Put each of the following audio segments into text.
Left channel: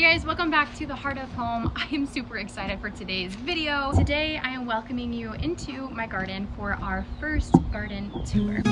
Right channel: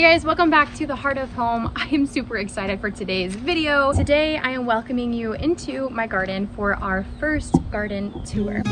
Hey guys, welcome back to the Heart of Home. I am super excited for today's video. Today I am welcoming you into my garden for our first garden tour.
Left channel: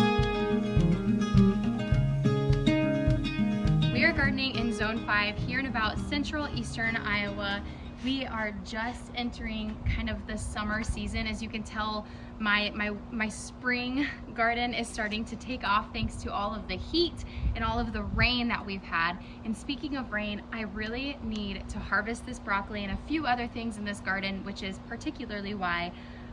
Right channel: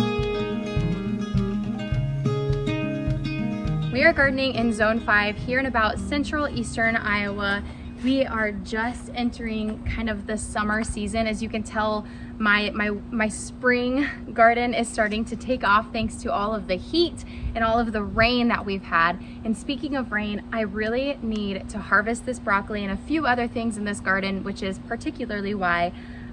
We are gardening in Zone 5 here in about central eastern Iowa. We are just entering kind of the summer season. As you can tell, my spring garden is starting to take off thanks to all of the heat and all of the rain that we've had. And speaking of rain, I really need to harvest this broccoli and a few other things in this garden, which is particularly why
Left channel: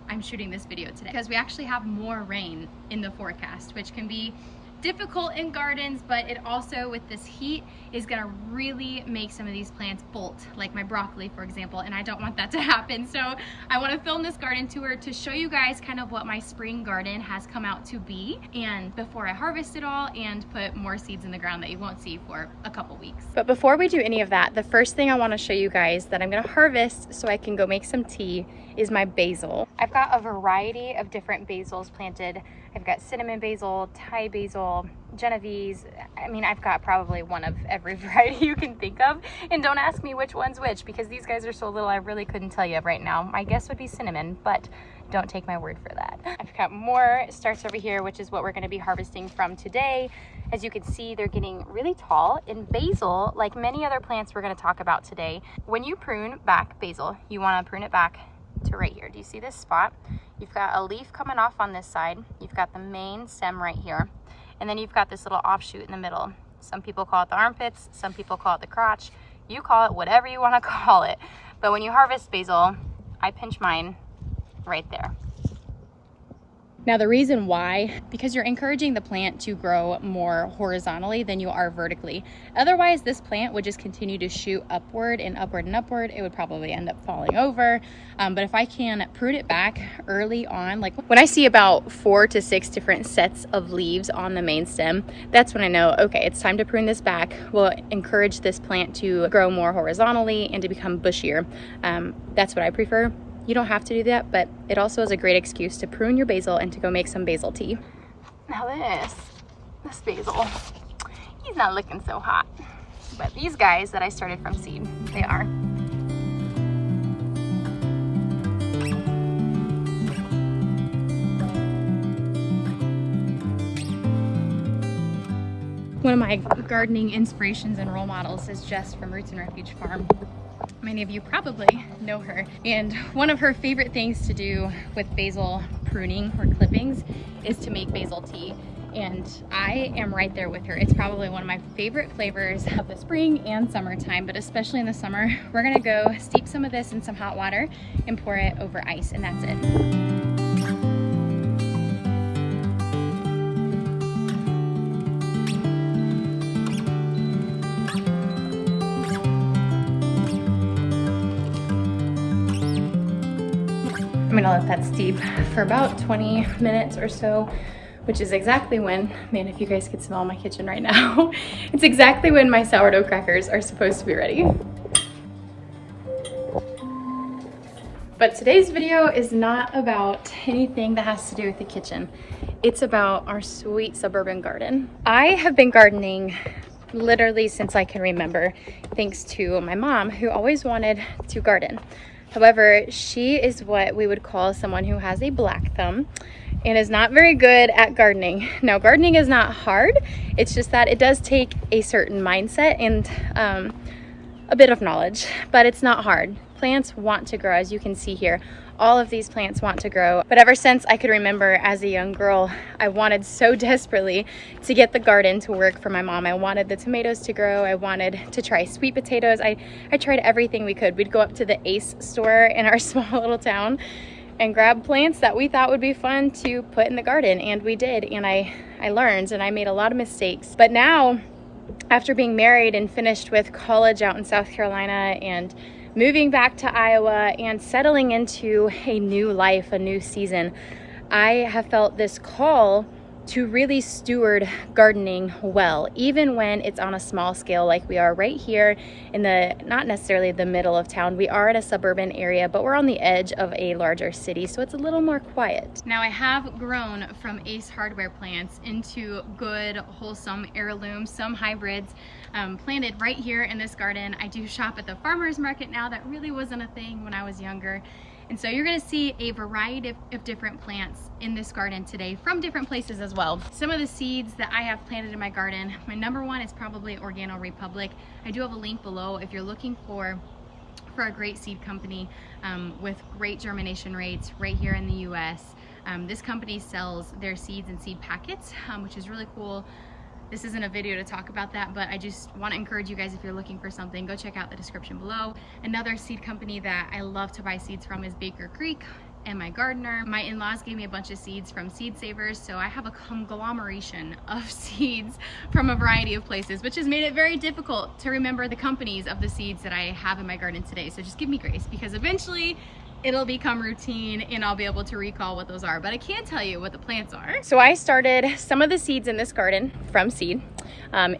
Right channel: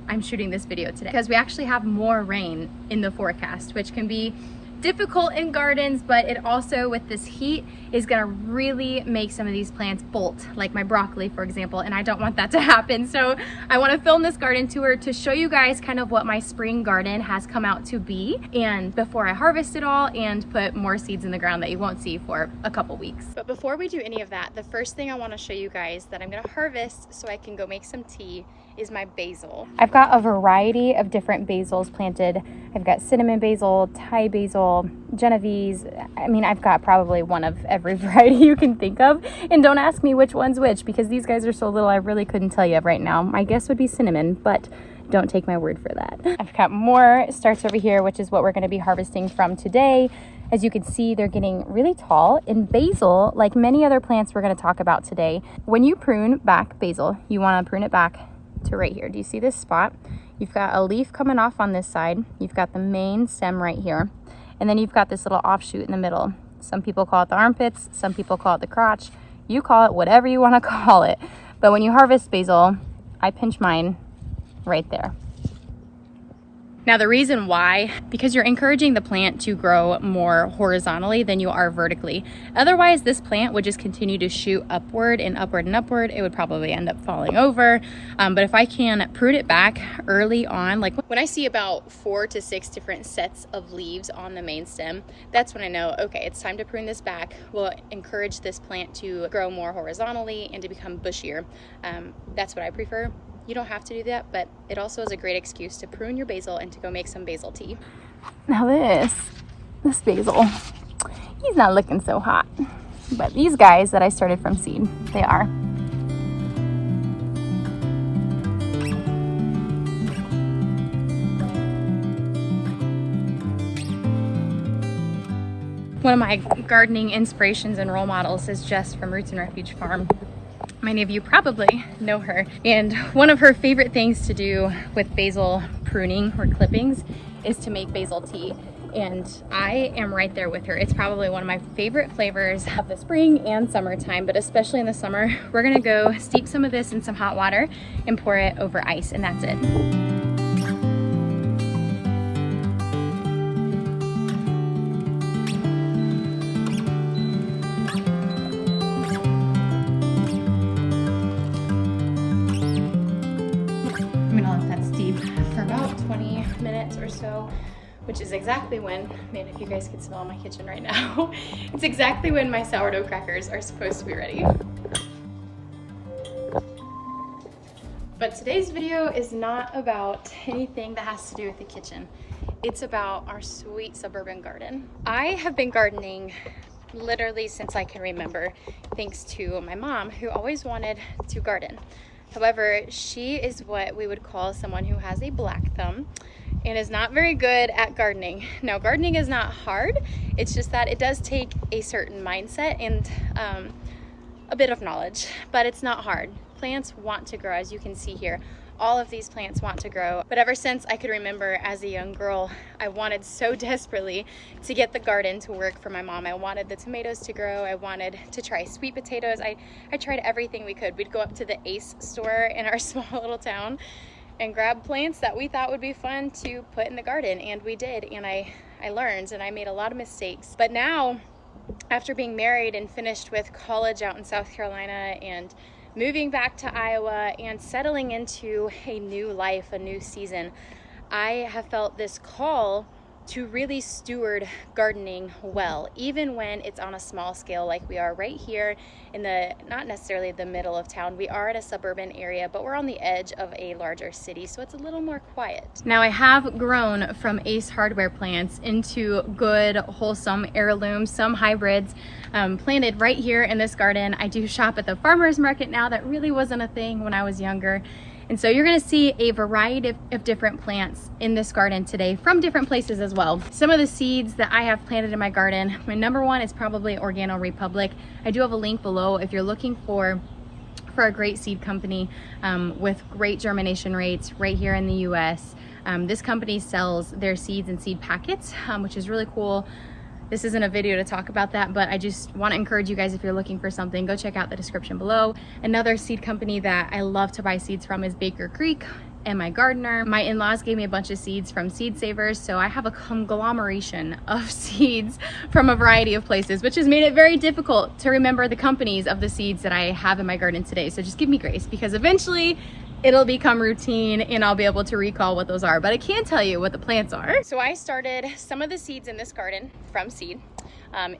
I'm shooting this video today, because we actually have more rain in the forecast, which can be difficult in gardens, but it also, with this heat, is gonna really make some of these plants bolt, like my broccoli, for example, and I don't want that to happen. So I want to film this garden tour to show you guys kind of what my spring garden has come out to be, and before I harvest it all and put more seeds in the ground that you won't see for a couple weeks. But before we do any of that, the first thing I want to show you guys that I'm gonna harvest so I can go make some tea is my basil. I've got a variety of different basils planted. I've got cinnamon basil, Thai basil, Genovese. I mean, I've got probably one of every variety you can think of. And don't ask me which one's which, because these guys are so little I really couldn't tell you right now. My guess would be cinnamon, but don't take my word for that. I've got more starts over here, which is what we're gonna be harvesting from today. As you can see, they're getting really tall. And basil, like many other plants we're gonna talk about today, when you prune back basil, you wanna prune it back to right here. Do you see this spot? You've got a leaf coming off on this side. You've got the main stem right here. And then you've got this little offshoot in the middle. Some people call it the armpits, some people call it the crotch. You call it whatever you want to call it. But when you harvest basil, I pinch mine right there. Now the reason why, because you're encouraging the plant to grow more horizontally than you are vertically. Otherwise, this plant would just continue to shoot upward and upward and upward. It would probably end up falling over. But if I can prune it back early on, like when I see about 4 to 6 different sets of leaves on the main stem, that's when I know, okay, it's time to prune this back. We'll encourage this plant to grow more horizontally and to become bushier. That's what I prefer. You don't have to do that, but it also is a great excuse to prune your basil and to go make some basil tea. Now this basil, he's not looking so hot. But these guys that I started from seed, they are. One of my gardening inspirations and role models is Jess from Roots and Refuge Farm. Many of you probably know her, and one of her favorite things to do with basil pruning or clippings is to make basil tea, and I am right there with her. It's probably one of my favorite flavors of the spring and summertime, but especially in the summer. We're gonna go steep some of this in some hot water and pour it over ice, and that's it. I'm gonna let that steep for about 20 minutes or so, which is exactly when, man, if you guys could smell my kitchen right now, it's exactly when my sourdough crackers are supposed to be ready. But today's video is not about anything that has to do with the kitchen. It's about our sweet suburban garden. I have been gardening literally since I can remember, thanks to my mom, who always wanted to garden. However, she is what we would call someone who has a black thumb and is not very good at gardening. Now, gardening is not hard. It's just that it does take a certain mindset and a bit of knowledge, but it's not hard. Plants want to grow, as you can see here. All of these plants want to grow. But ever since I could remember as a young girl, I wanted so desperately to get the garden to work for my mom. I wanted the tomatoes to grow. I wanted to try sweet potatoes. I tried everything we could. We'd go up to the Ace store in our small little town and grab plants that we thought would be fun to put in the garden. And we did. And I learned, and I made a lot of mistakes. But now, after being married and finished with college out in South Carolina and moving back to Iowa and settling into a new life, a new season, I have felt this call to really steward gardening well, even when it's on a small scale like we are right here in the, not necessarily the middle of town. We are in a suburban area, but we're on the edge of a larger city, so it's a little more quiet. Now, I have grown from Ace Hardware plants into good, wholesome heirlooms, some hybrids, planted right here in this garden. I do shop at the farmer's market now. That really wasn't a thing when I was younger. And so you're gonna see a variety of different plants in this garden today from different places as well. Some of the seeds that I have planted in my garden, my number one is probably Organo Republic. I do have a link below if you're looking for a great seed company with great germination rates right here in the US. This company sells their seeds in seed packets, which is really cool. This isn't a video to talk about that, but I just want to encourage you guys, if you're looking for something, go check out the description below. Another seed company that I love to buy seeds from is Baker Creek and my gardener. My in-laws gave me a bunch of seeds from Seed Savers, so I have a conglomeration of seeds from a variety of places, which has made it very difficult to remember the companies of the seeds that I have in my garden today. So just give me grace, because eventually it'll become routine and I'll be able to recall what those are, but I can't tell you what the plants are. So I started some of the seeds in this garden from seed.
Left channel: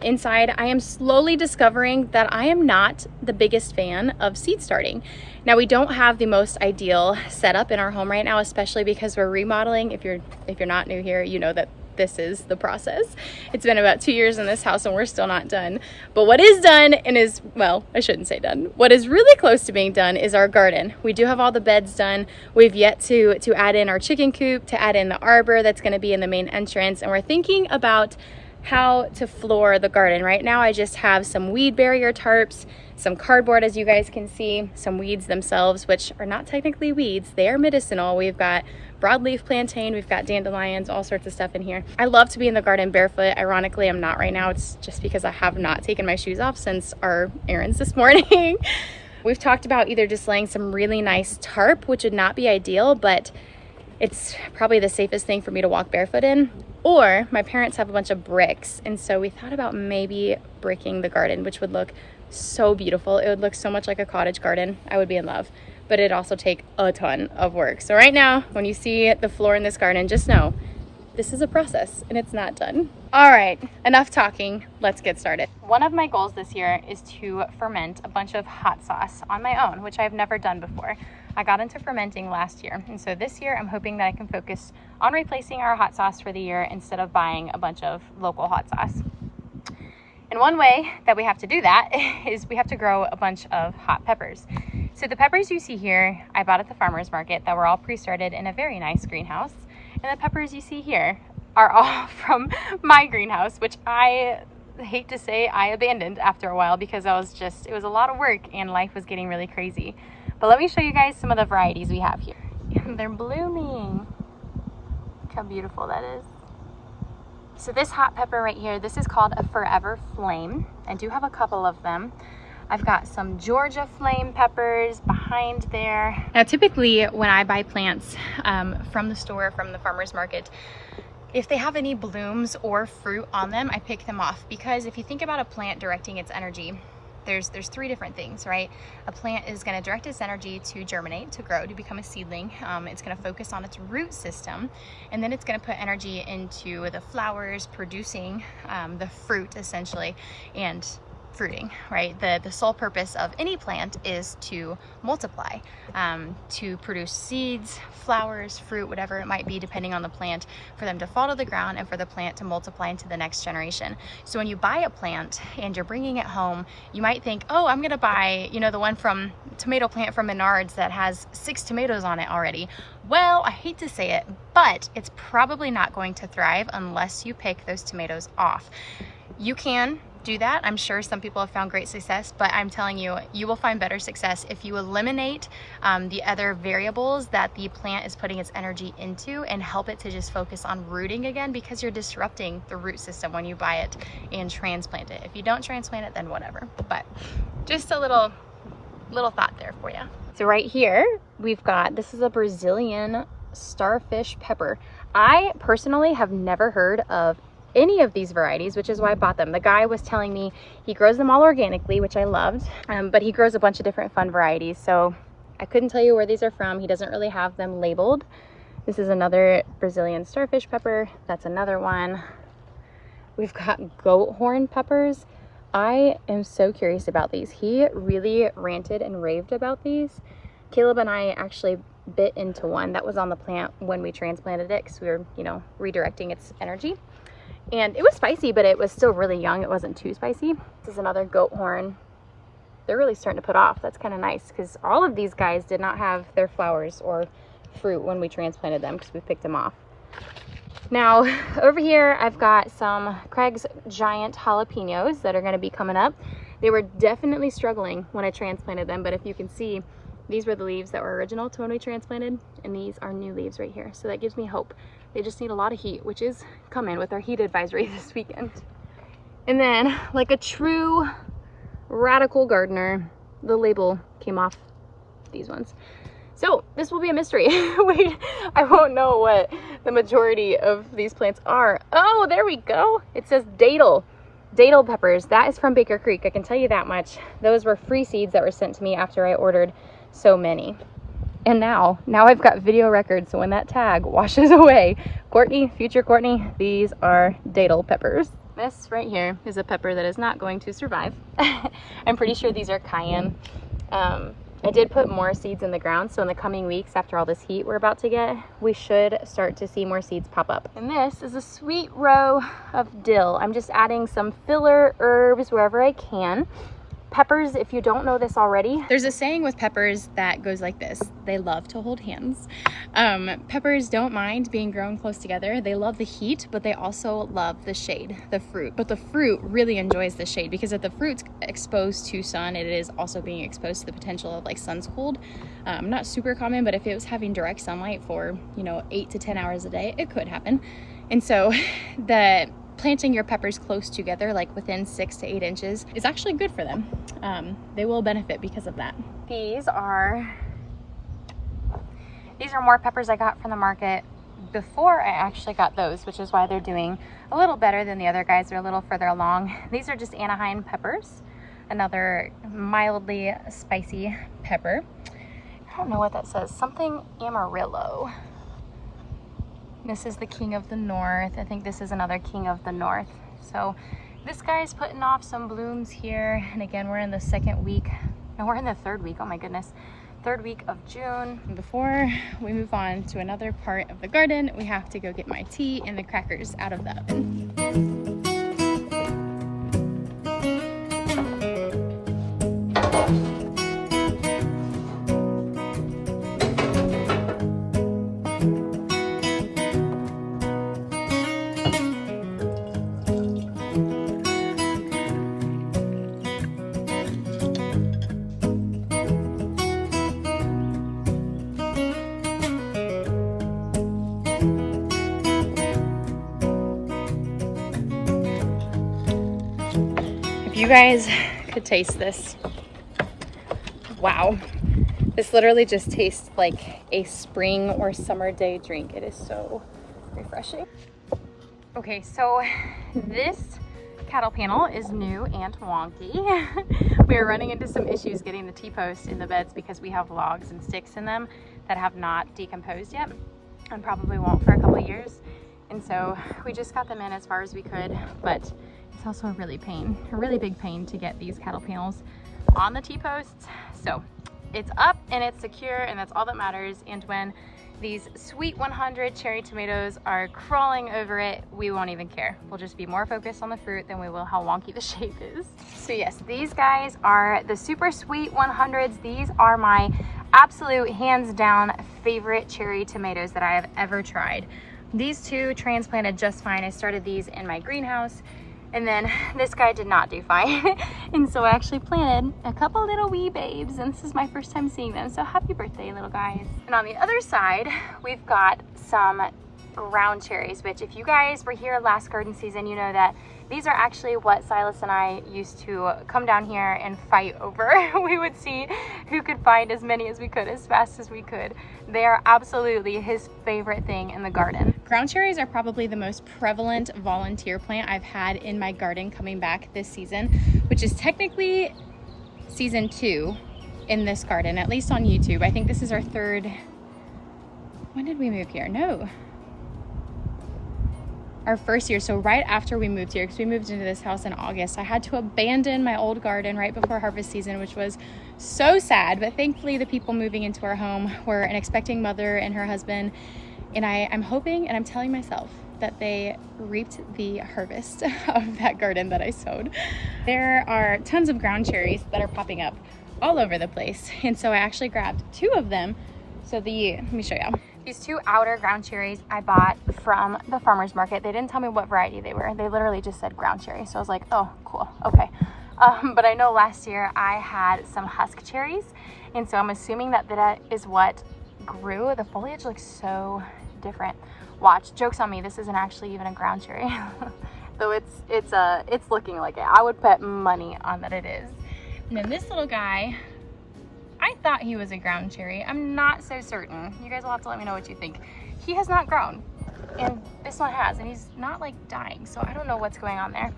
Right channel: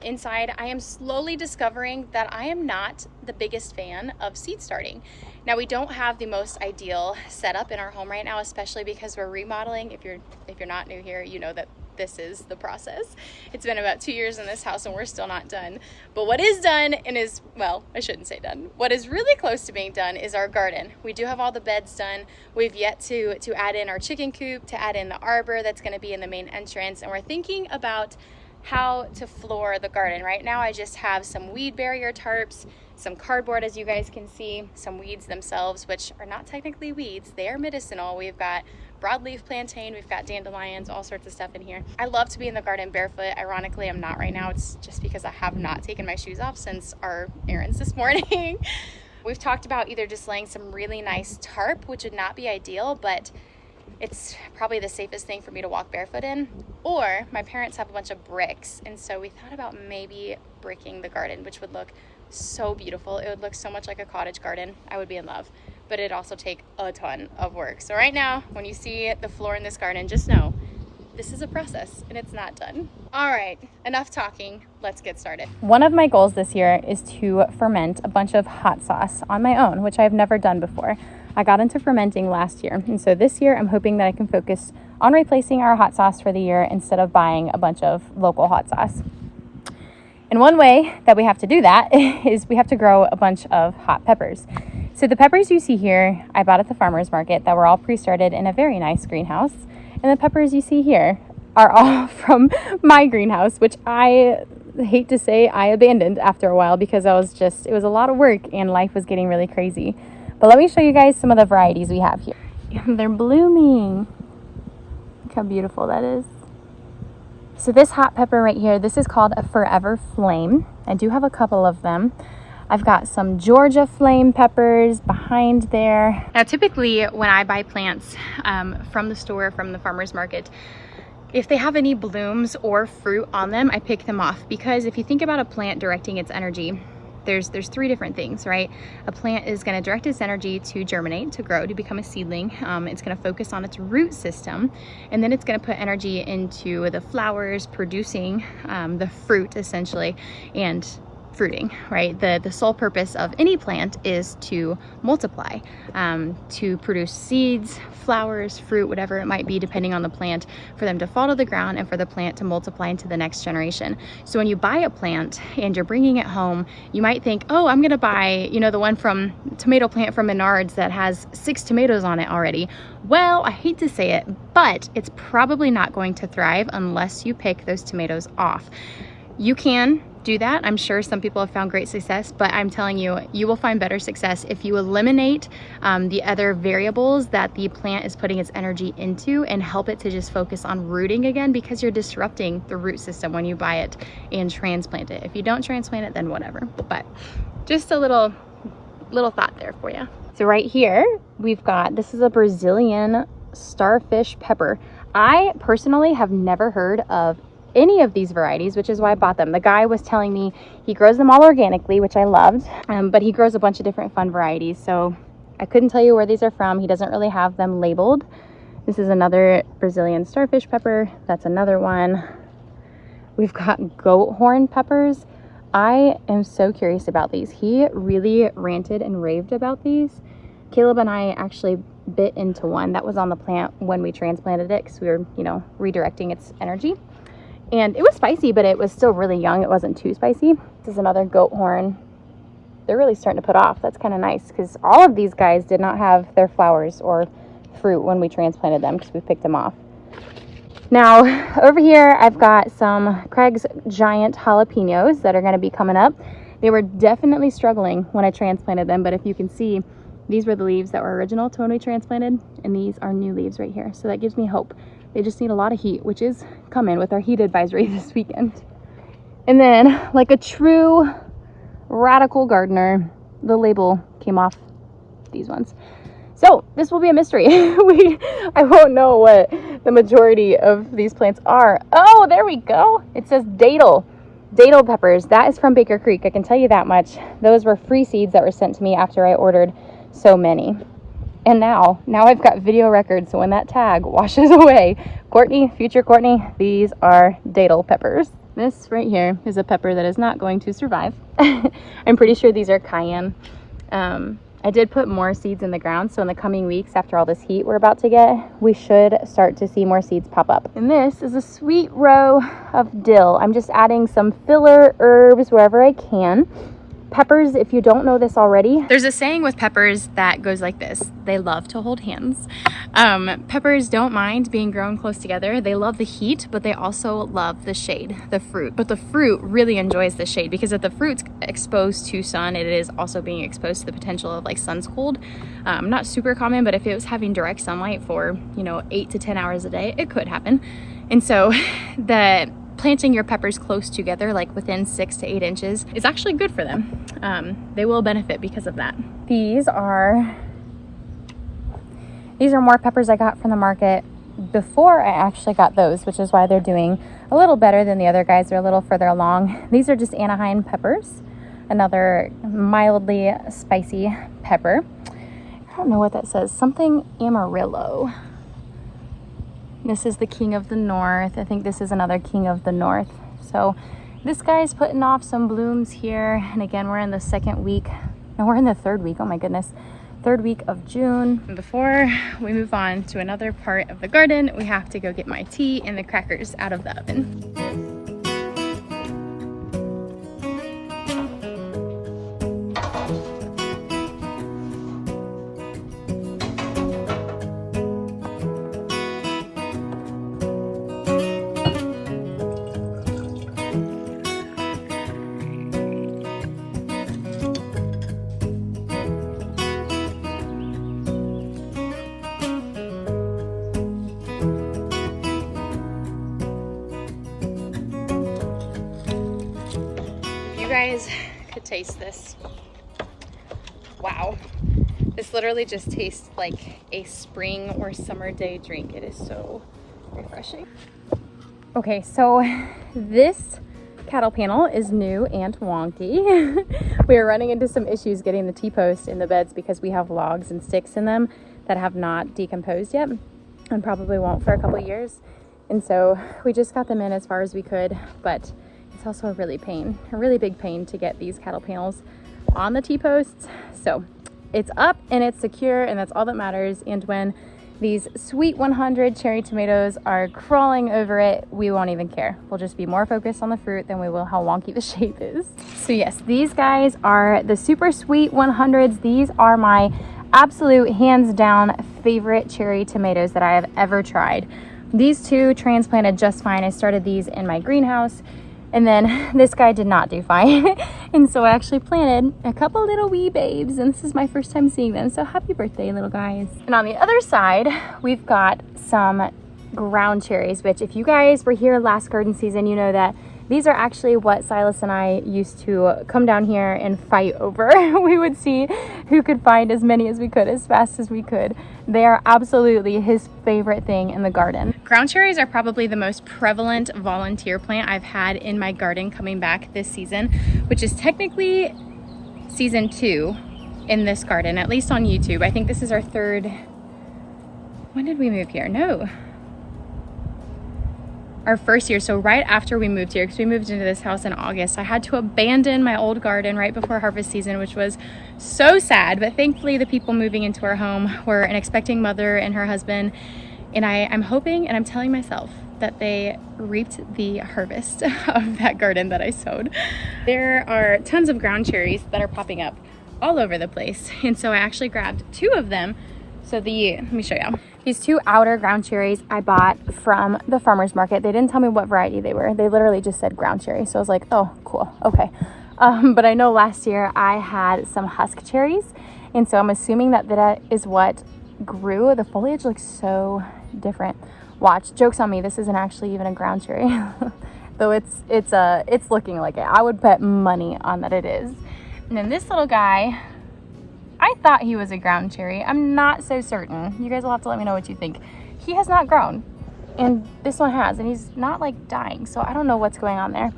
Inside, I am slowly discovering that I am not the biggest fan of seed starting. Now, we don't have the most ideal setup in our home right now, especially because we're remodeling. If you're not new here, you know that this is the process. It's been about 2 years in this house and we're still not done. But what is done, and is, well, I shouldn't say done, what is really close to being done is our garden. We do have all the beds done. We've yet to add in our chicken coop, to add in the arbor that's gonna be in the main entrance, and we're thinking about how to floor the garden. Right now I just have some weed barrier tarps, some cardboard, as you guys can see, some weeds themselves, which are not technically weeds, they are medicinal. We've got broadleaf plantain, we've got dandelions, all sorts of stuff in here. I love to be in the garden barefoot. Ironically, I'm not right now. It's just because I have not taken my shoes off since our errands this morning. We've talked about either just laying some really nice tarp, which would not be ideal, but it's probably the safest thing for me to walk barefoot in, or my parents have a bunch of bricks, and so we thought about maybe bricking the garden, which would look so beautiful. It would look so much like a cottage garden. I would be in love, but it'd also take a ton of work. So right now, when you see the floor in this garden, just know this is a process and it's not done. All right, enough talking, let's get started. One of my goals this year is to ferment a bunch of hot sauce on my own, which I've never done before. I got into fermenting last year, and so this year I'm hoping that I can focus on replacing our hot sauce for the year instead of buying a bunch of local hot sauce. And one way that we have to do that is we have to grow a bunch of hot peppers. So the peppers you see here, I bought at the farmer's market that were all pre-started in a very nice greenhouse. And the peppers you see here are all from my greenhouse, which I hate to say I abandoned after a while because it was a lot of work and life was getting really crazy. But let me show you guys some of the varieties we have here. They're blooming. Look how beautiful that is. So this hot pepper right here, this is called a Forever Flame. I do have a couple of them. I've got some Georgia flame peppers behind there. Now, typically when I buy plants from the store, from the farmer's market, if they have any blooms or fruit on them, I pick them off, because if you think about a plant directing its energy, there's three different things, right? A plant is going to direct its energy to germinate, to grow, to become a seedling. It's going to focus on its root system, and then it's going to put energy into the flowers, producing the fruit essentially, and fruiting, right? The sole purpose of any plant is to multiply, to produce seeds, flowers, fruit, whatever it might be, depending on the plant, for them to fall to the ground and for the plant to multiply into the next generation. So when you buy a plant and you're bringing it home, you might think, oh, I'm gonna buy, you know, the one from tomato plant from Menards that has 6 tomatoes on it already. Well, I hate to say it, but it's probably not going to thrive unless you pick those tomatoes off. You can do that. I'm sure some people have found great success, but I'm telling you, you will find better success if you eliminate the other variables that the plant is putting its energy into and help it to just focus on rooting again, because you're disrupting the root system when you buy it and transplant it. If you don't transplant it, then whatever. But just a little thought there for you. So right here, we've got, this is a Brazilian starfish pepper. I personally have never heard of any of these varieties, which is why I bought them. The guy was telling me he grows them all organically, which I loved, but he grows a bunch of different fun varieties. So I couldn't tell you where these are from. He doesn't really have them labeled. This is another Brazilian starfish pepper. That's another one. We've got goat horn peppers. I am so curious about these. He really ranted and raved about these. Caleb and I actually bit into one that was on the plant when we transplanted it because we were, you know, redirecting its energy. And it was spicy, but it was still really young. It wasn't too spicy. This is another goat horn. They're really starting to put off. That's kind of nice because all of these guys did not have their flowers or fruit when we transplanted them because we picked them off. Now over here I've got some Craig's giant jalapenos that are going to be coming up. They were definitely struggling when I transplanted them, but if you can see, these were the leaves that were original to when we transplanted, and these are new leaves right here. So that gives me hope. They just need a lot of heat, which is coming with our heat advisory this weekend. And then, like a true radical gardener, the label came off these ones. So this will be a mystery. I won't know what the majority of these plants are. Oh, there we go. It says datil peppers. That is from Baker Creek. I can tell you that much. Those were free seeds that were sent to me after I ordered so many. And now I've got video records. So when that tag washes away, Courtney, future Courtney, these are datil peppers. This right here is a pepper that is not going to survive. I'm pretty sure these are cayenne. I did put more seeds in the ground, so in the coming weeks, after all this heat we're about to get, we should start to see more seeds pop up. And this is a sweet row of dill. I'm just adding some filler herbs wherever I can. Peppers, if you don't know this already, there's a saying with peppers that goes like this: they love to hold hands. Peppers don't mind being grown close together. They love the heat, but they also love the shade, the fruit. But the fruit really enjoys the shade because if the fruit's exposed to sun, it is also being exposed to the potential of like sun's cold. Not super common, but if it was having direct sunlight for, you know, 8 to 10 hours a day, it could happen. And so planting your peppers close together, like within 6 to 8 inches, is actually good for them. They will benefit because of that. These are more peppers I got from the market before I actually got those, which is why they're doing a little better than the other guys. They're a little further along. These are just Anaheim peppers, another mildly spicy pepper. I don't know what that says, something Amarillo. This is the King of the North. I think this is another King of the North. So this guy's putting off some blooms here. And again, we're in the second week. No, we're in the third week. Oh my goodness. Third week of June. And before we move on to another part of the garden, we have to go get my tea and the crackers out of the oven. You guys could taste this. Wow. This literally just tastes like a spring or summer day drink. It is so refreshing. Okay, so this cattle panel is new and wonky. We are running into some issues getting the T-post in the beds because we have logs and sticks in them that have not decomposed yet and probably won't for a couple of years. And so we just got them in as far as we could, but it's also a really big pain to get these cattle panels on the T-posts. So it's up and it's secure, and that's all that matters. And when these sweet 100 cherry tomatoes are crawling over it, we won't even care. We'll just be more focused on the fruit than we will how wonky the shape is. So yes, these guys are the super sweet 100s. These are my absolute hands down favorite cherry tomatoes that I have ever tried. These two transplanted just fine. I started these in my greenhouse, and then this guy did not do fine. And so I actually planted a couple little wee babes, and this is my first time seeing them. So happy birthday, little guys. And on the other side, we've got some ground cherries, which if you guys were here last garden season, you know that these are actually what Silas and I used to come down here and fight over. We would see who could find as many as we could, as fast as we could. They are absolutely his favorite thing in the garden. Ground cherries are probably the most prevalent volunteer plant I've had in my garden coming back this season, which is technically season 2 in this garden, at least on YouTube. I think this is our third when did we move here? No. Our first year, so right after we moved here, because we moved into this house in August, I had to abandon my old garden right before harvest season, which was so sad. But thankfully the people moving into our home were an expecting mother and her husband. And I'm hoping, and I'm telling myself, that they reaped the harvest of that garden that I sowed. There are tons of ground cherries that are popping up all over the place. And so I actually grabbed 2 of them. So let me show you. These 2 outer ground cherries I bought from the farmer's market. They didn't tell me what variety they were. They literally just said ground cherry. So I was like, oh, cool, okay. But I know last year I had some husk cherries. And so I'm assuming that that is what grew. The foliage looks so different. Watch, joke's on me, this isn't actually even a ground cherry. Though it's looking like it. I would bet money on that it is. And then this little guy, I thought he was a ground cherry. I'm not so certain. You guys will have to let me know what you think. He has not grown, and this one has, and he's not like dying, so I don't know what's going on there.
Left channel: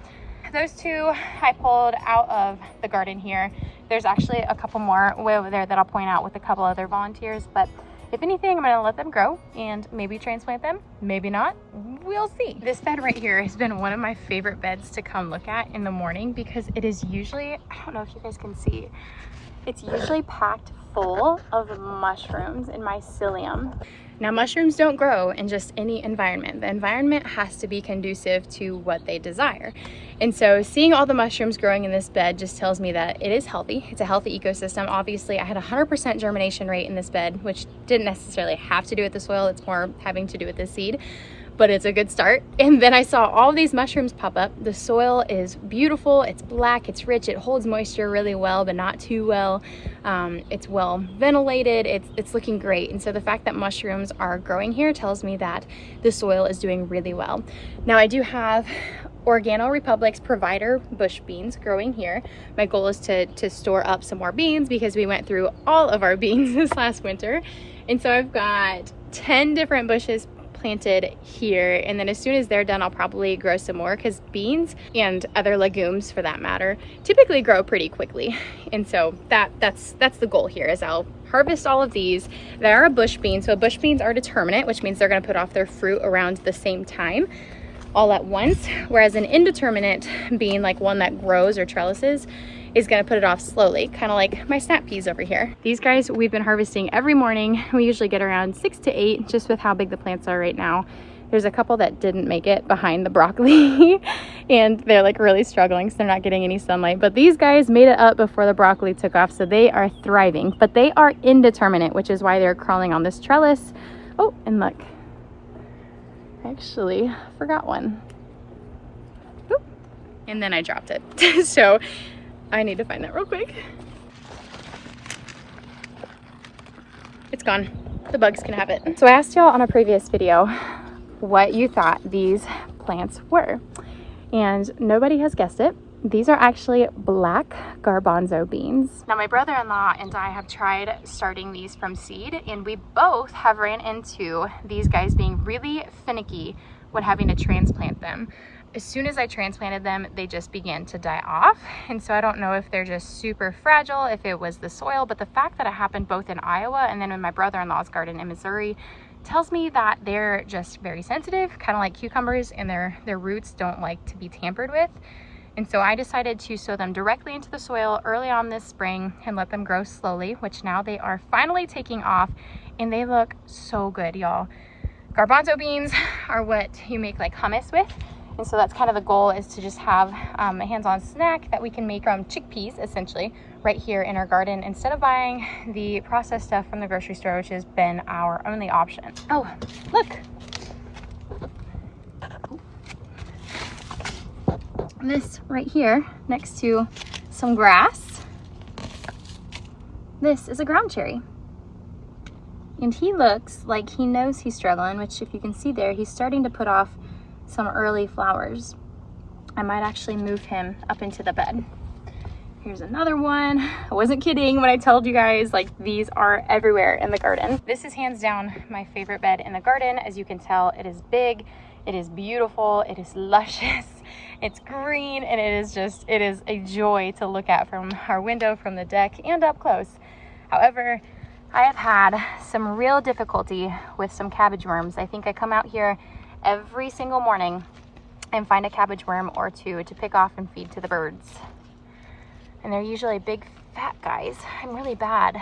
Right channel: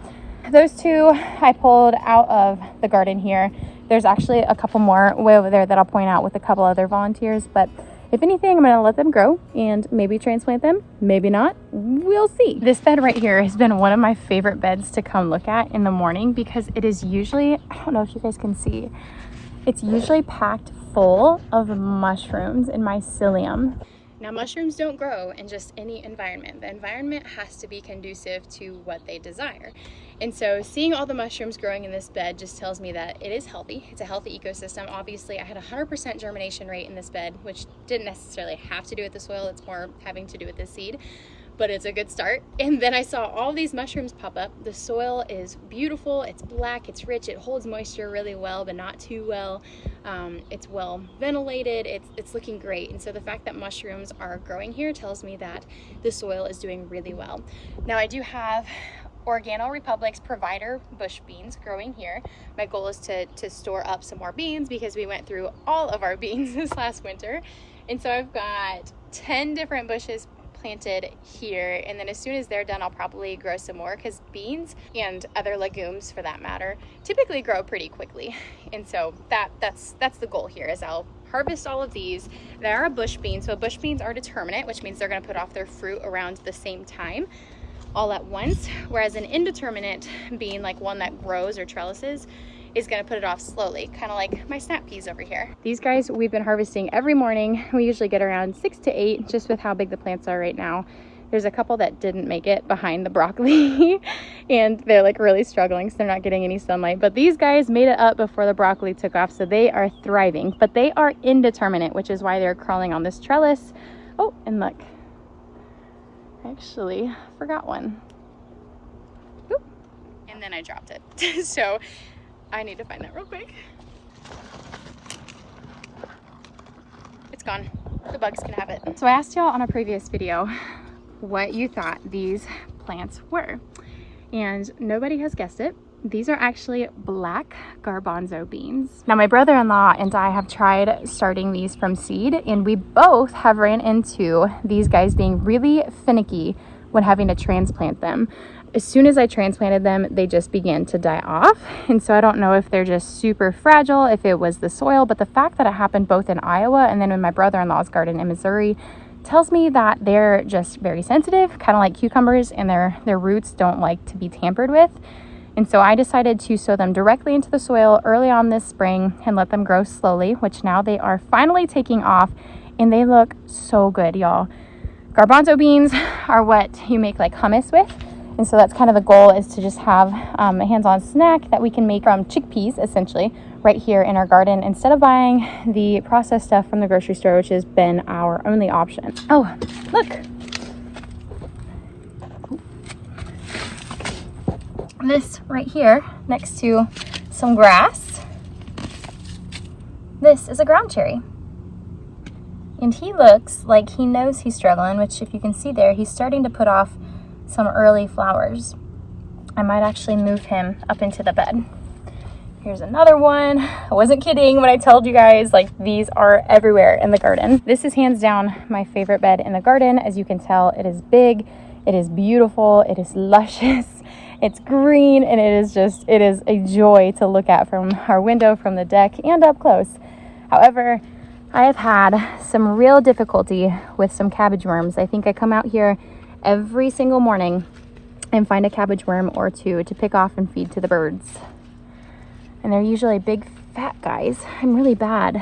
Those 2 I pulled out of the garden here. There's actually a couple more way over there that I'll point out with a couple other volunteers, but if anything, I'm gonna let them grow and maybe transplant them, maybe not, we'll see. This bed right here has been one of my favorite beds to come look at in the morning because it is usually, I don't know if you guys can see, it's usually packed full of mushrooms in mycelium. Now, mushrooms don't grow in just any environment. The environment has to be conducive to what they desire. And so seeing all the mushrooms growing in this bed just tells me that it is healthy. It's a healthy ecosystem. Obviously, I had 100% germination rate in this bed, which didn't necessarily have to do with the soil. It's more having to do with the seed, but it's a good start. And then I saw all these mushrooms pop up. The soil is beautiful. It's black, it's rich, it holds moisture really well, but not too well. It's well ventilated, it's looking great. And so the fact that mushrooms are growing here tells me that the soil is doing really well. Now I do have Organo Republic's Provider bush beans growing here. My goal is to store up some more beans because we went through all of our beans this last winter. And so I've got 10 different bushes planted here, and then as soon as they're done I'll probably grow some more because beans and other legumes for that matter typically grow pretty quickly. And so that's the goal here is I'll harvest all of these. They are a bush bean, so bush beans are determinate, which means they're going to put off their fruit around the same time all at once, whereas an indeterminate bean, like one that grows or trellises, is going to put it off slowly, kind of like my snap peas over here. These guys we've been harvesting every morning. We usually get around 6 to 8 just with how big the plants are right now. There's a couple that didn't make it behind the broccoli and they're like really struggling, so they're not getting any sunlight, but these guys made it up before the broccoli took off, so they are thriving. But they are indeterminate, which is why they're crawling on this trellis. Oh, and look, I actually forgot one. Oop. And then I dropped it. So I need to find that real quick. It's gone. The bugs can have it. So I asked y'all on a previous video what you thought these plants were, and nobody has guessed it. These are actually black garbanzo beans. Now my brother-in-law and I have tried starting these from seed, and we both have ran into these guys being really finicky when having to transplant them. As soon as I transplanted them, they just began to die off. And so I don't know if they're just super fragile, if it was the soil, but the fact that it happened both in Iowa and then in my brother-in-law's garden in Missouri tells me that they're just very sensitive, kind of like cucumbers, and their roots don't like to be tampered with. And so I decided to sow them directly into the soil early on this spring and let them grow slowly, which now they are finally taking off, and they look so good, y'all. Garbanzo beans are what you make like hummus with. And so that's kind of the goal, is to just have a hands-on snack that we can make from chickpeas, essentially, right here in our garden, instead of buying the processed stuff from the grocery store, which has been our only option. Oh, look. This right here, next to some grass, this is a ground cherry. And he looks like he knows he's struggling, which if you can see there, he's starting to put off some early flowers. I might actually move him up into the bed. Here's another one. I wasn't kidding when I told you guys, like, these are everywhere in the garden. This is hands down my favorite bed in the garden. As you can tell, it is big, it is beautiful, it is luscious, it's green, and it is a joy to look at from our window, from the deck, and up close. However, I have had some real difficulty with some cabbage worms. I think I come out here every single morning and find a cabbage worm or two to pick off and feed to the birds. And they're usually big fat guys. I'm really bad.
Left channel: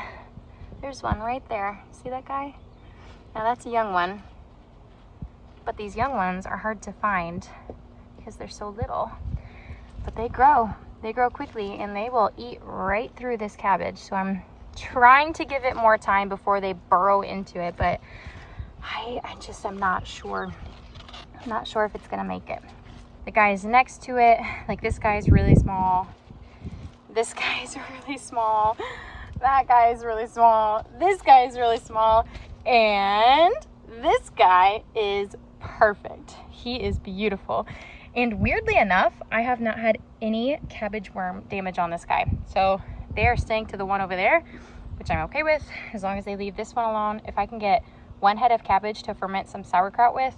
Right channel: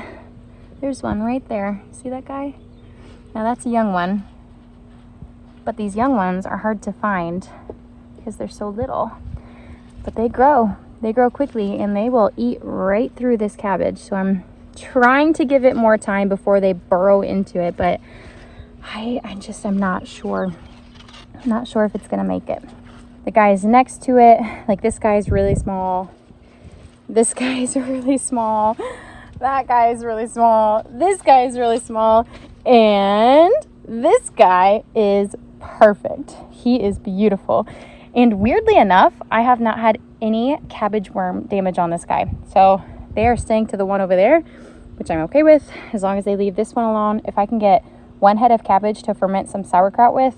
There's one right there. See that guy? Now that's a young one. But these young ones are hard to find because they're so little. But they grow quickly and they will eat right through this cabbage. So I'm trying to give it more time before they burrow into it, but I'm not sure. I'm not sure if it's gonna make it. The guys next to it, like this guy's really small. This guy's really small. That guy's really small. This guy's really small. And this guy is perfect. He is beautiful. And weirdly enough, I have not had any cabbage worm damage on this guy. So they are staying to the one over there, which I'm okay with, as long as they leave this one alone. If I can get one head of cabbage to ferment some sauerkraut with,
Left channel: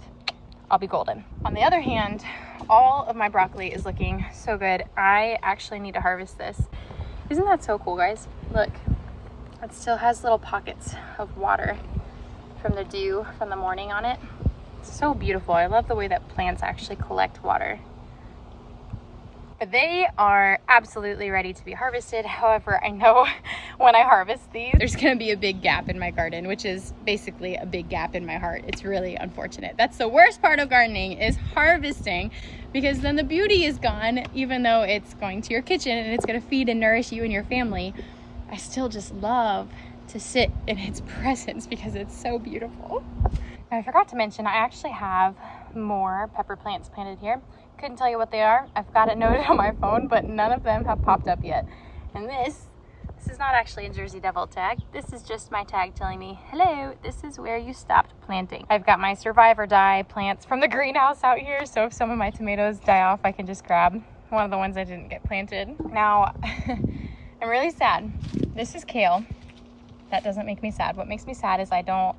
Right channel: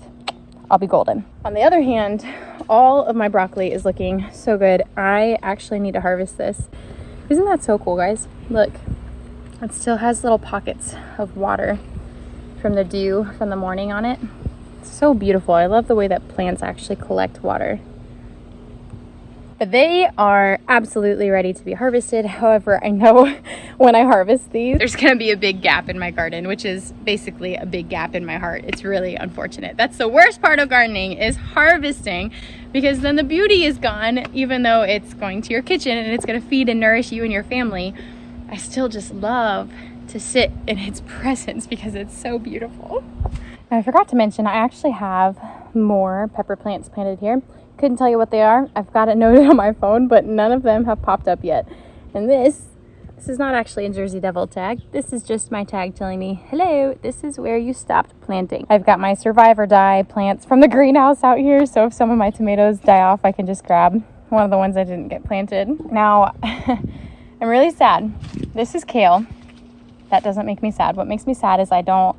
I'll be golden. On the other hand, all of my broccoli is looking so good. I actually need to harvest this. Isn't that so cool, guys? Look, it still has little pockets of water from the dew from the morning on it. It's so beautiful. I love the way that plants actually collect water. But they are absolutely ready to be harvested. However, I know when I harvest these, there's gonna be a big gap in my garden, which is basically a big gap in my heart. It's really unfortunate. That's the worst part of gardening, is harvesting, because then the beauty is gone, even though it's going to your kitchen and it's gonna feed and nourish you and your family. I still just love to sit in its presence because it's so beautiful. Now, I forgot to mention, I actually have more pepper plants planted here. Couldn't tell you what they are. I've got it noted on my phone, but none of them have popped up yet. And this is not actually a Jersey Devil tag. This is just my tag telling me, hello, this is where you stopped planting. I've got my survive or die plants from the greenhouse out here, so if some of my tomatoes die off, I can just grab one of the ones I didn't get planted. Now, I'm really sad. This is kale. That doesn't make me sad. What makes me sad is I don't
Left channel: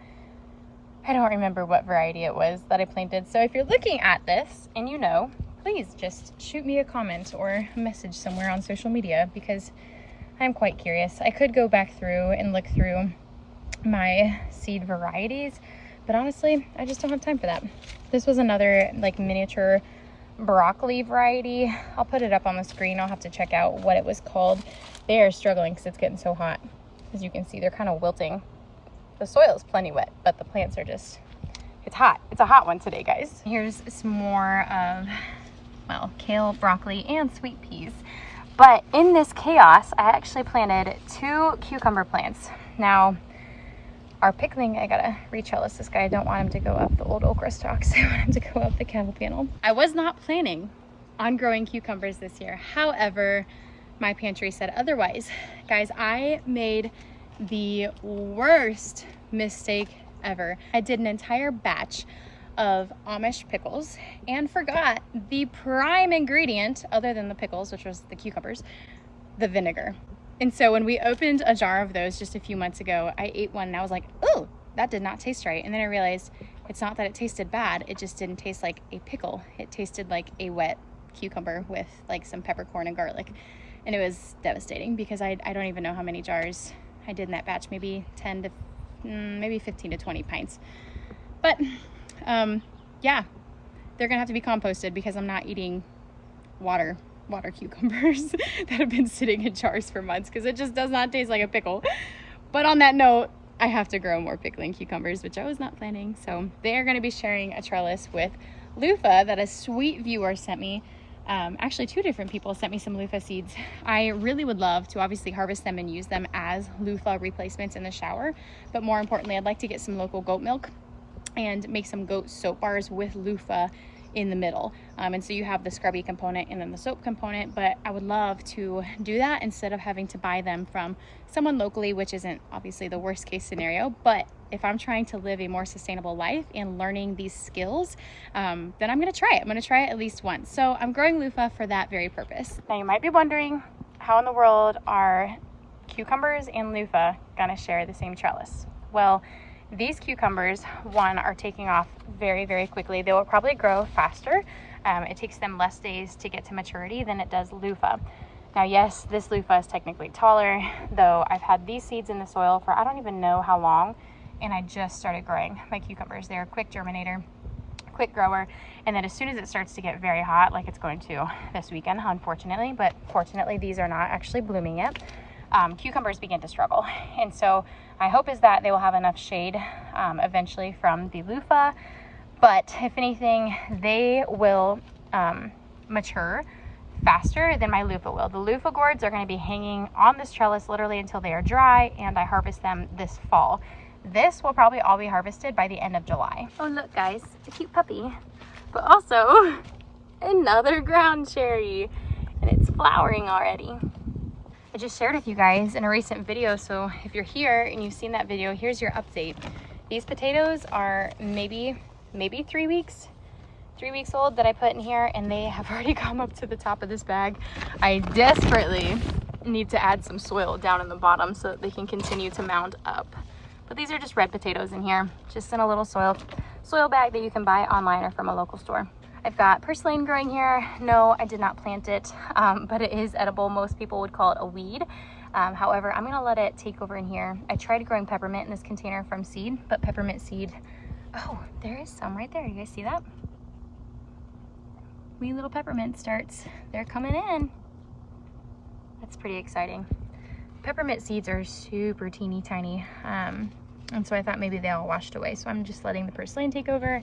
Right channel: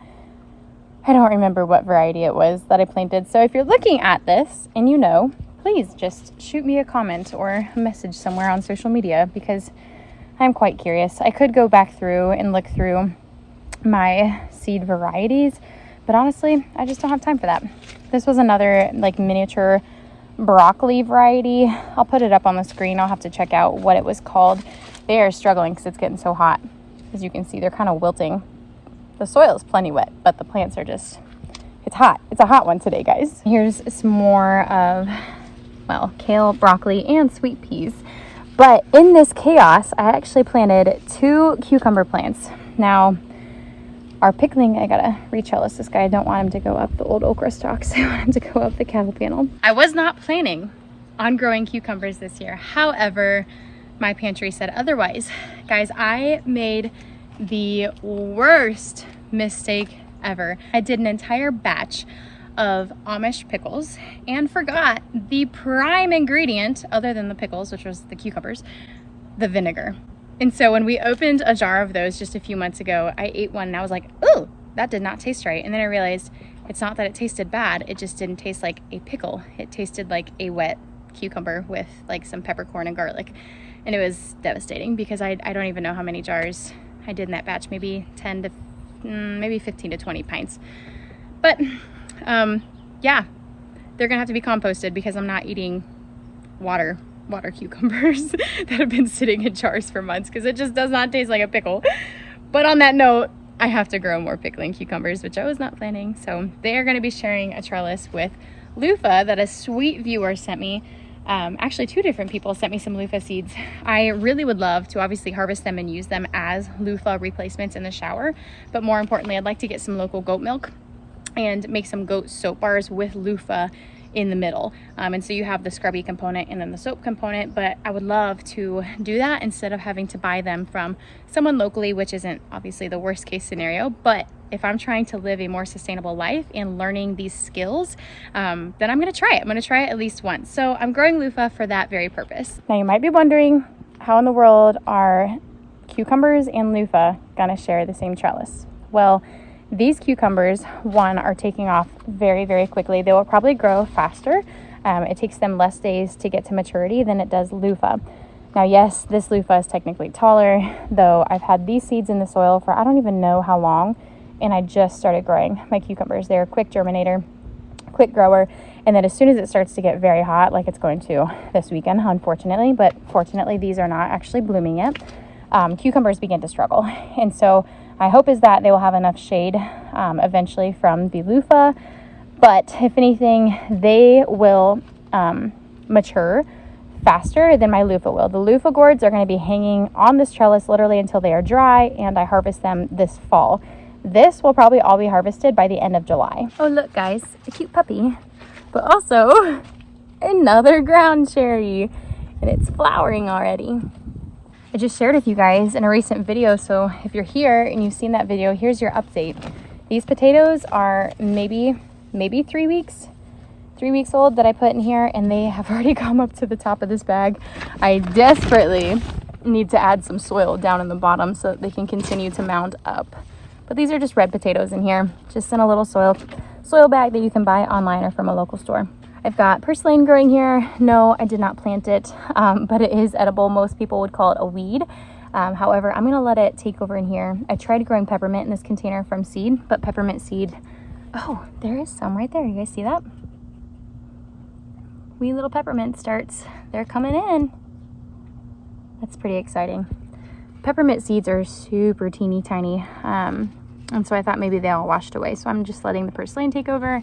remember what variety it was that I planted. So if you're looking at this and you know, please just shoot me a comment or a message somewhere on social media, because I'm quite curious. I could go back through and look through my seed varieties, but honestly, I just don't have time for that. This was another like miniature broccoli variety. I'll put it up on the screen. I'll have to check out what it was called. They are struggling because it's getting so hot. As you can see, they're kind of wilting. The soil is plenty wet, but the plants are just, it's hot. It's a hot one today, guys. Here's some more of, well, kale, broccoli, and sweet peas. But in this chaos, I actually planted 2 cucumber plants. Now, our pickling, I gotta re-trellis this guy. I don't want him to go up the old okra stalks. I want him to go up the cattle panel. I was not planning on growing cucumbers this year. However, my pantry said otherwise. Guys, I made the worst mistake ever. I did an entire batch of Amish pickles and forgot the prime ingredient, other than the pickles, which was the cucumbers, the vinegar. And so when we opened a jar of those just a few months ago, I ate one and I was like, oh, that did not taste right. And then I realized it's not that it tasted bad, it just didn't taste like a pickle. It tasted like a wet cucumber with like some peppercorn and garlic. And it was devastating because I don't even know how many jars I did in that batch, maybe 10 to maybe 15 to 20 pints. But yeah, they're gonna have to be composted because I'm not eating water cucumbers that have been sitting in jars for months, because it just does not taste like a pickle. But on that note, I have to grow more pickling cucumbers, which I was not planning. So they are gonna be sharing a trellis with loofah that a sweet viewer sent me. Actually 2 different people sent me some loofah seeds. I really would love to obviously harvest them and use them as loofah replacements in the shower, but more importantly, I'd like to get some local goat milk and make some goat soap bars with loofah in the middle. And so you have the scrubby component and then the soap component, but I would love to do that instead of having to buy them from someone locally, which isn't obviously the worst case scenario. But if I'm trying to live a more sustainable life and learning these skills, then I'm gonna try it. I'm gonna try it at least once. So I'm growing loofah for that very purpose. Now you might be wondering, how in the world are cucumbers and loofah gonna share the same trellis? Well, these cucumbers, one, are taking off very, very quickly. They will probably grow faster. It takes them less days to get to maturity than it does loofah. Now, yes, this loofah is technically taller, though I've had these seeds in the soil for I don't even know how long, and I just started growing my cucumbers. They're a quick germinator, quick grower, and then as soon as it starts to get very hot, like it's going to this weekend, unfortunately, but fortunately these are not actually blooming yet, cucumbers begin to struggle. And so my hope is that they will have enough shade eventually from the loofah, but if anything, they will mature faster than my loofah will. The loofah gourds are going to be hanging on this trellis literally until they are dry, and I harvest them this fall. This will probably all be harvested by the end of July. Oh, look guys, a cute puppy, but also another ground cherry, and it's flowering already. I just shared with you guys in a recent video, so if you're here and you've seen that video, here's your update. These potatoes are maybe 3 weeks old that I put in here, and they have already come up to the top of this bag. I desperately need to add some soil down in the bottom so that they can continue to mound up. But these are just red potatoes in here, just in a little soil bag that you can buy online or from a local store. I've got purslane growing here. No, I did not plant it, but it is edible. Most people would call it a weed. However, I'm gonna let it take over in here. I tried growing peppermint in this container from seed, but peppermint seed, oh, there is some right there. You guys see that? Wee little peppermint starts, they're coming in. That's pretty exciting. Peppermint seeds are super teeny tiny. And so I thought maybe they all washed away. So I'm just letting the purslane take over.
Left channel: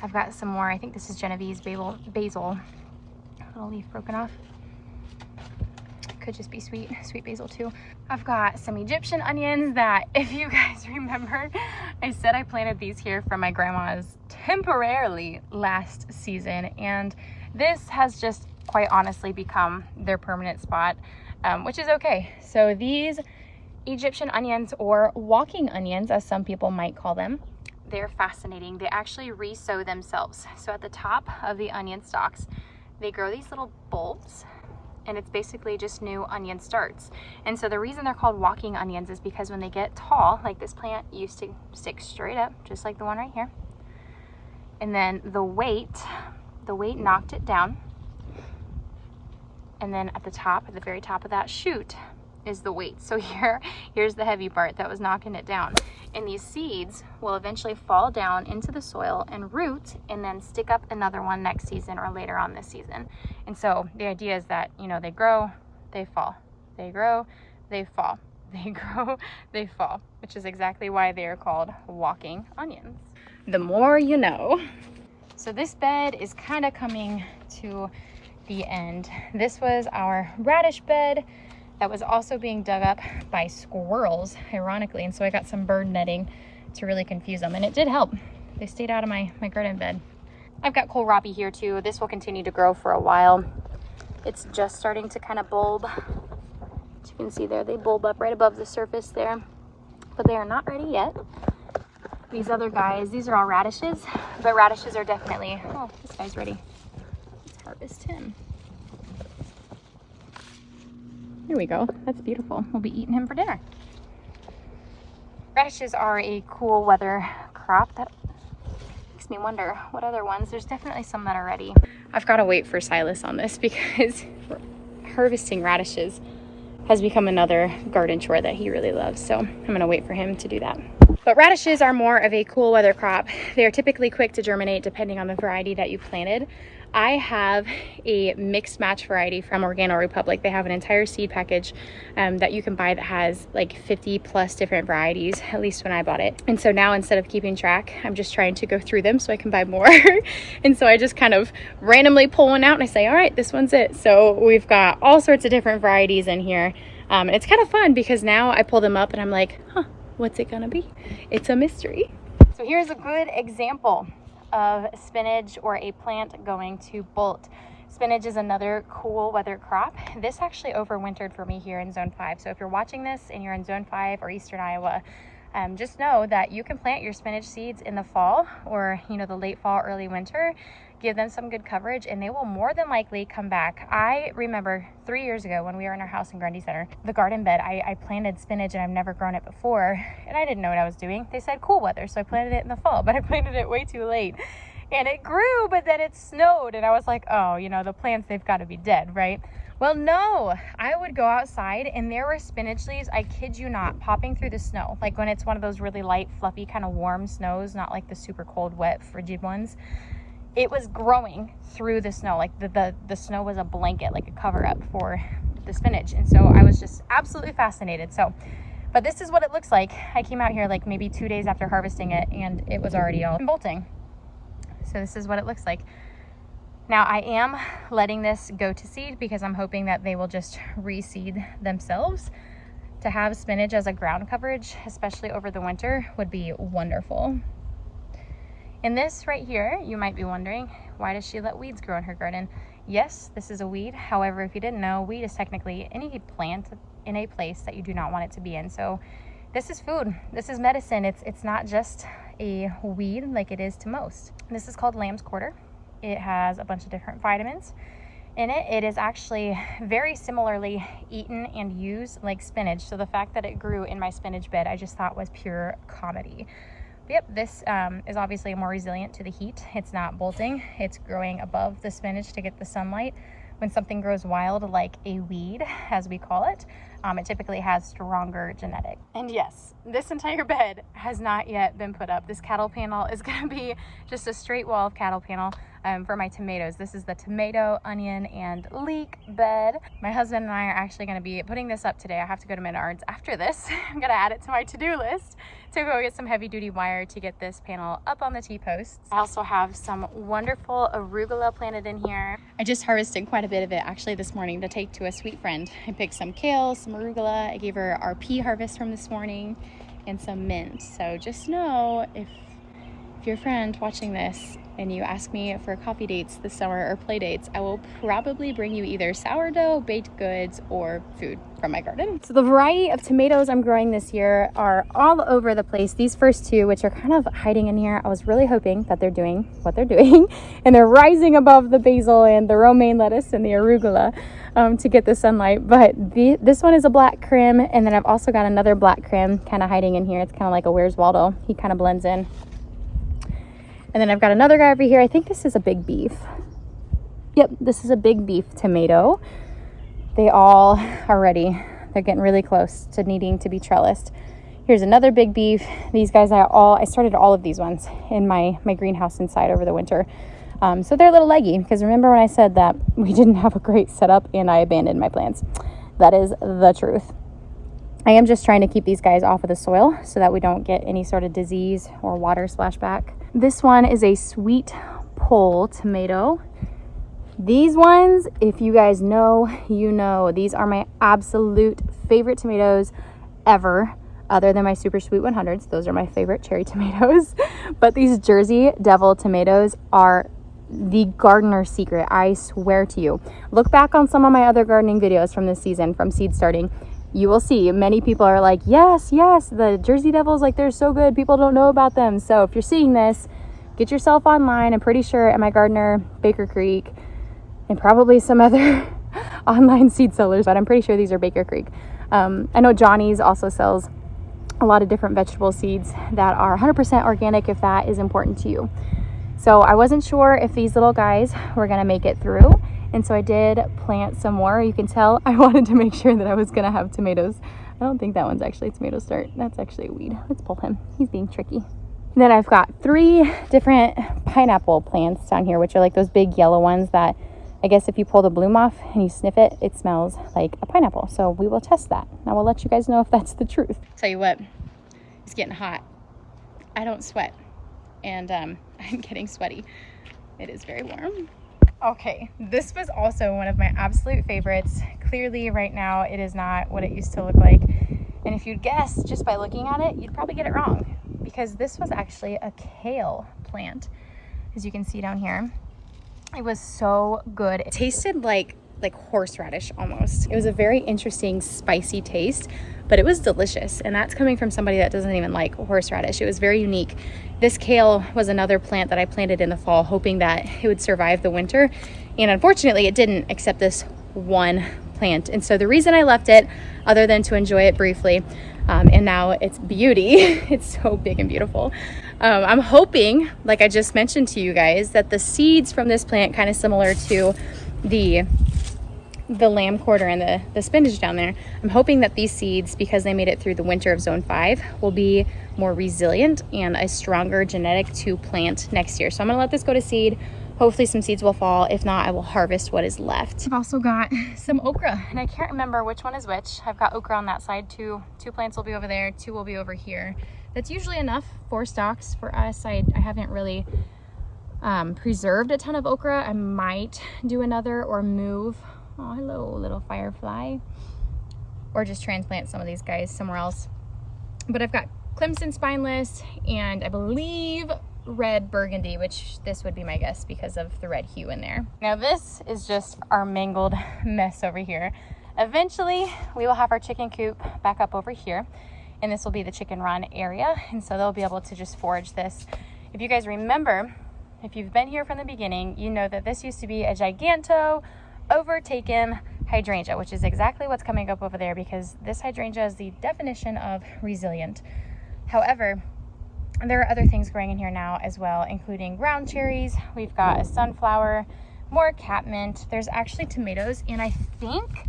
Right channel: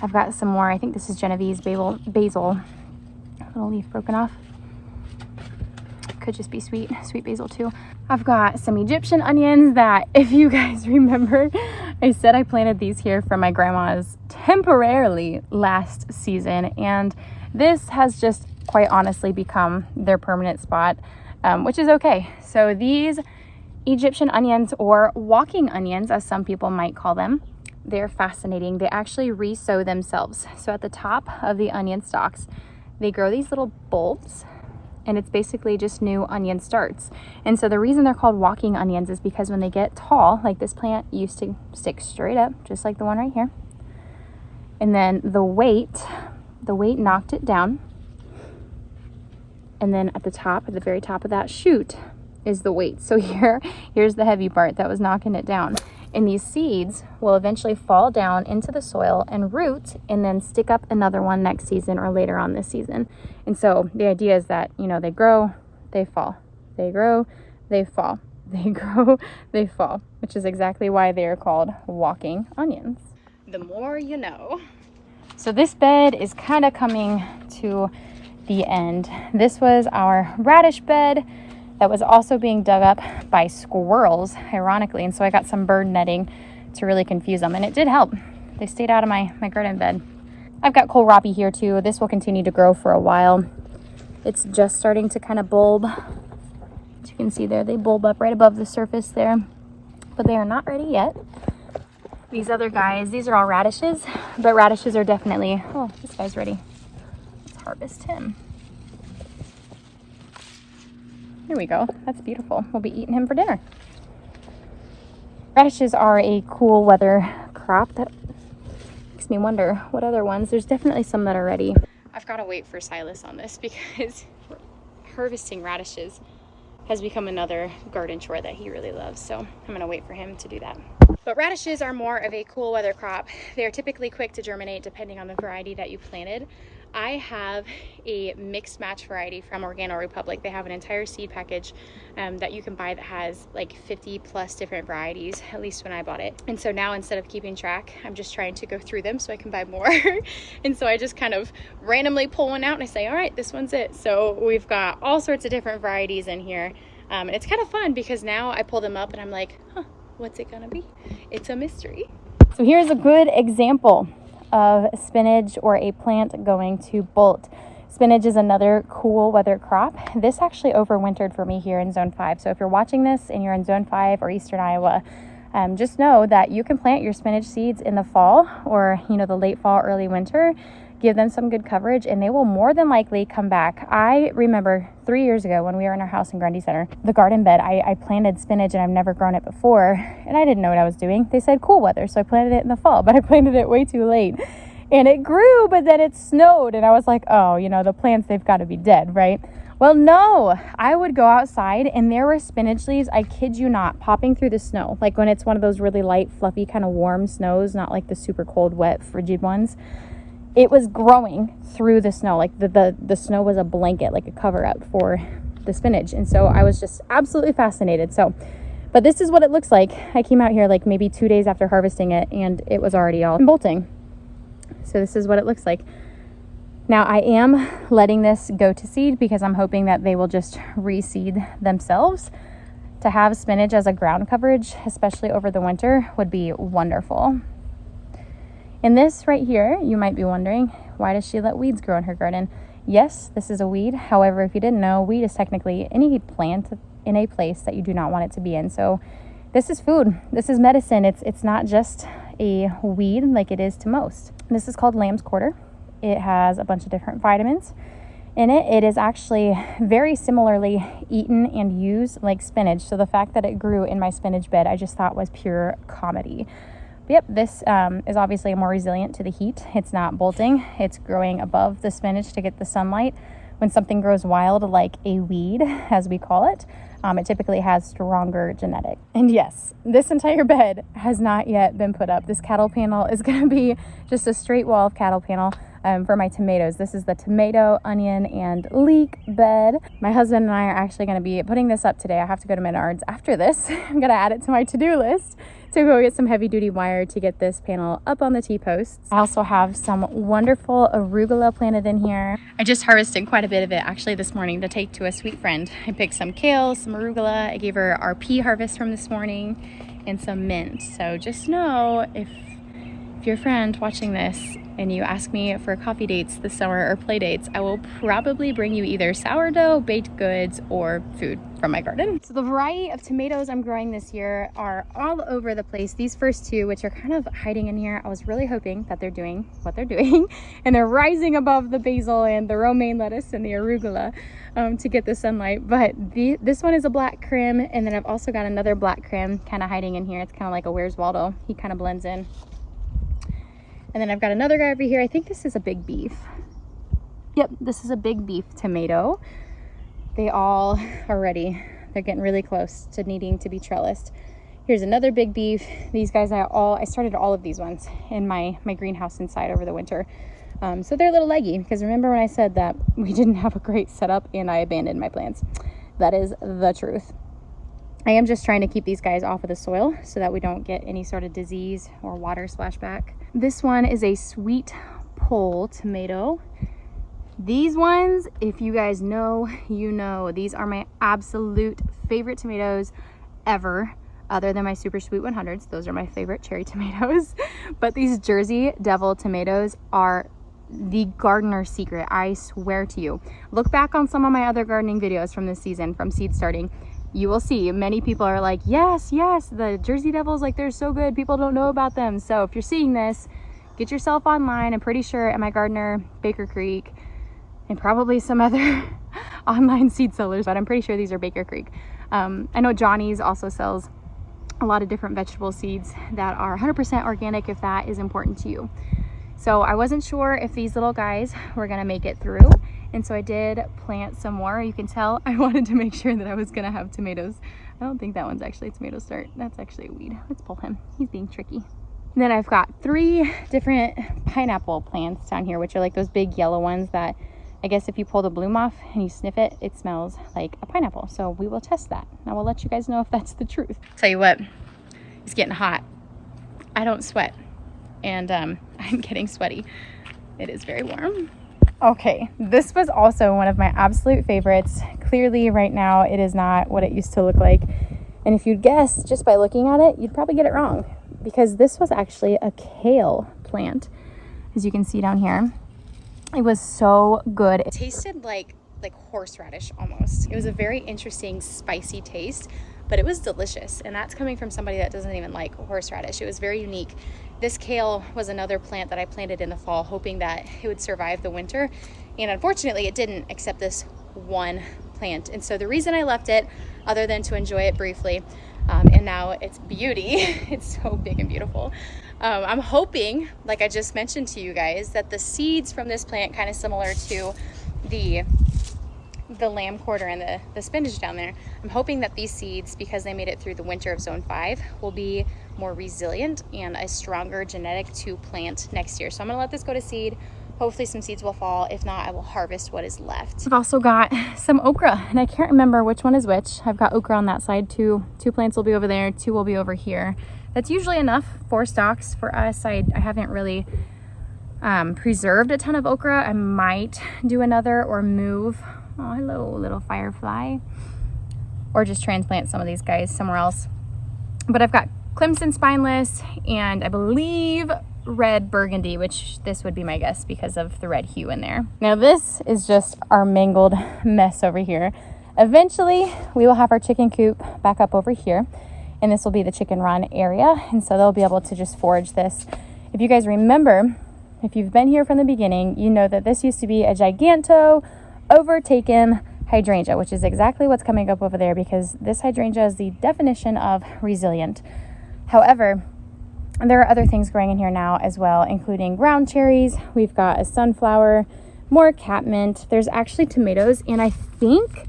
I've got some more, I think this is Genevieve's basil. Little leaf broken off. Could just be sweet basil too. I've got some Egyptian onions that, if you guys remember, I said I planted these here from my grandma's temporarily last season. And this has just quite honestly become their permanent spot, which is okay. So these Egyptian onions, or walking onions as some people might call them, they're fascinating. They actually re-sow themselves. So at the top of the onion stalks, they grow these little bulbs, and it's basically just new onion starts. And so the reason they're called walking onions is because when they get tall, like this plant used to stick straight up, just like the one right here. And then the weight knocked it down. And then at the very top of that shoot is the weight. So here's the heavy part that was knocking it down. And these seeds will eventually fall down into the soil and root, and then stick up another one next season or later on this season. And so the idea is that, you know, they grow, they fall, they grow, they fall, they grow, they fall, which is exactly why they are called walking onions. The more you know. So this bed is kind of coming to the end. This was our radish bed that was also being dug up by squirrels, ironically. And so I got some bird netting to really confuse them, and it did help. They stayed out of my garden bed. I've got kohlrabi here too. This will continue to grow for a while. It's just starting to kind of bulb. As you can see there, they bulb up right above the surface there, but they are not ready yet. These other guys, these are all radishes, but radishes are definitely, oh, this guy's ready. Let's harvest him. Here we go. That's beautiful. We'll be eating him for dinner. Radishes are a cool weather crop. That makes me wonder what other ones. There's definitely some that are ready. I've got to wait for Silas on this because harvesting radishes has become another garden chore that he really loves. So I'm going to wait for him to do that. But radishes are more of a cool weather crop. They are typically quick to germinate depending on the variety that you planted. I have a mixed match variety from Organo Republic. They have an entire seed package that you can buy that has like 50 plus different varieties, at least when I bought it. And so now instead of keeping track, I'm just trying to go through them so I can buy more. And so I just kind of randomly pull one out and I say, all right, this one's it. So we've got all sorts of different varieties in here. It's kind of fun because now I pull them up and I'm like, huh, what's it gonna be? It's a mystery. So here's a good example of spinach, or a plant going to bolt. Spinach is another cool weather crop. This actually overwintered for me here in Zone 5. So if you're watching this and you're in Zone 5 or Eastern Iowa, just know that you can plant your spinach seeds in the fall, or the late fall, early winter. Give them some good coverage and they will more than likely come back. I remember 3 years ago when we were in our house in Grundy Center, the garden bed, I planted spinach and I've never grown it before, and I didn't know what I was doing. They said cool weather, so I planted it in the fall, but I planted it way too late. And it grew, but then it snowed, and I was like, oh, the plants, they've got to be dead, right? Well, no, I would go outside and there were spinach leaves, I kid you not, popping through the snow. Like when it's one of those really light, fluffy, kind of warm snows, not like the super cold, wet, frigid ones. It was growing through the snow. Like the snow was a blanket, like a cover up for the spinach. And so I was just absolutely fascinated. So, but this is what it looks like. I came out here like maybe 2 days after harvesting it and it was already all bolting. So this is what it looks like. Now I am letting this go to seed because I'm hoping that they will just reseed themselves. To have spinach as a ground coverage, especially over the winter, would be wonderful. And this right here, you might be wondering, why does she let weeds grow in her garden? Yes, this is a weed. However, if you didn't know, weed is technically any plant in a place that you do not want it to be in. So this is food. This is medicine. It's not just a weed like it is to most. This is called lamb's quarter. It has a bunch of different vitamins in it. It is actually very similarly eaten and used like spinach. So the fact that it grew in my spinach bed, I just thought was pure comedy. But yep, this is obviously more resilient to the heat. It's not bolting. It's growing above the spinach to get the sunlight. When something grows wild, like a weed, as we call it, it typically has stronger genetics. And yes, this entire bed has not yet been put up. This cattle panel is going to be just a straight wall of cattle panel for my tomatoes. This is the tomato, onion, and leek bed. My husband and I are actually going to be putting this up today. I have to go to Menards after this. I'm going to add it to my to-do list to go get some heavy-duty wire to get this panel up on the T-posts. I also have some wonderful arugula planted in here. I just harvested quite a bit of it actually this morning to take to a sweet friend. I picked some kale, some arugula. I gave her our pea harvest from this morning and some mint. So just know if you're a friend watching this and you ask me for coffee dates this summer or play dates, I will probably bring you either sourdough, baked goods, or food from my garden. So the variety of tomatoes I'm growing this year are all over the place. These first two, which are kind of hiding in here, I was really hoping that they're doing what they're doing and they're rising above the basil and the romaine lettuce and the arugula to get the sunlight. But this one is a black crim, and then I've also got another black crim kind of hiding in here. It's kind of like a Where's Waldo. He kind of blends in. And then I've got another guy over here. I think this is a big beef. Yep, this is a big beef tomato. They all are ready. They're getting really close to needing to be trellised. Here's another big beef. These guys, I started all of these ones in my greenhouse inside over the winter. So they're a little leggy because remember when I said that we didn't have a great setup and I abandoned my plants? That is the truth. I am just trying to keep these guys off of the soil so that we don't get any sort of disease or water splashback. This one is a sweet pole tomato. These ones, if you guys know, you know, these are my absolute favorite tomatoes ever, other than my super sweet 100s. Those are my favorite cherry tomatoes. But these Jersey Devil tomatoes are the gardener's secret, I swear to you. Look back on some of my other gardening videos from this season, from seed starting. You will see many people are like, yes, the Jersey Devils, like they're so good, people don't know about them. So if you're seeing this, get yourself online. I'm pretty sure at my gardener, Baker Creek, and probably some other online seed sellers, but I'm pretty sure these are Baker Creek. I know Johnny's also sells a lot of different vegetable seeds that are 100% organic if that is important to you. So I wasn't sure if these little guys were gonna make it through. And so I did plant some more. You can tell I wanted to make sure that I was gonna have tomatoes. I don't think that one's actually a tomato start. That's actually a weed. Let's pull him. He's being tricky. And then I've got 3 different pineapple plants down here, which are like those big yellow ones that I guess if you pull the bloom off and you sniff it, it smells like a pineapple. So we will test that. Now we'll let you guys know if that's the truth. Tell you what, it's getting hot. I don't sweat, and I'm getting sweaty. It is very warm. Okay, this was also one of my absolute favorites. Clearly right now it is not what it used to look like. And if you'd guess just by looking at it, you'd probably get it wrong, because this was actually a kale plant, as you can see down here. It was so good. It tasted like horseradish almost. It was a very interesting spicy taste, but it was delicious. And that's coming from somebody that doesn't even like horseradish. It was very unique. This kale was another plant that I planted in the fall, hoping that it would survive the winter. And unfortunately it didn't, except this one plant. And so the reason I left it, other than to enjoy it briefly, and now it's beauty, it's so big and beautiful. I'm hoping, like I just mentioned to you guys, that the seeds from this plant, kind of similar to the the lamb quarter and the spinach down there, I'm hoping that these seeds, because they made it through the winter of zone 5, will be more resilient and a stronger genetic to plant next year. So I'm gonna let this go to seed. Hopefully some seeds will fall. If not, I will harvest what is left. I've also got some okra, and I can't remember which one is which. I've got okra on that side. Two plants will be over there, 2 will be over here. That's usually enough for stalks for us. I haven't really preserved a ton of okra. I might do another or move. Oh, hello, little firefly. Or just transplant some of these guys somewhere else. But I've got Clemson spineless and I believe red burgundy, which this would be my guess because of the red hue in there. Now this is just our mangled mess over here. Eventually we will have our chicken coop back up over here, and this will be the chicken run area, and so they'll be able to just forage this. If you guys remember, if you've been here from the beginning, you know that this used to be a giganto overtaken hydrangea, which is exactly what's coming up over there, because this hydrangea is the definition of resilient. However, there are other things growing in here now as well, including ground cherries. We've got a sunflower, more catmint. There's actually tomatoes, and I think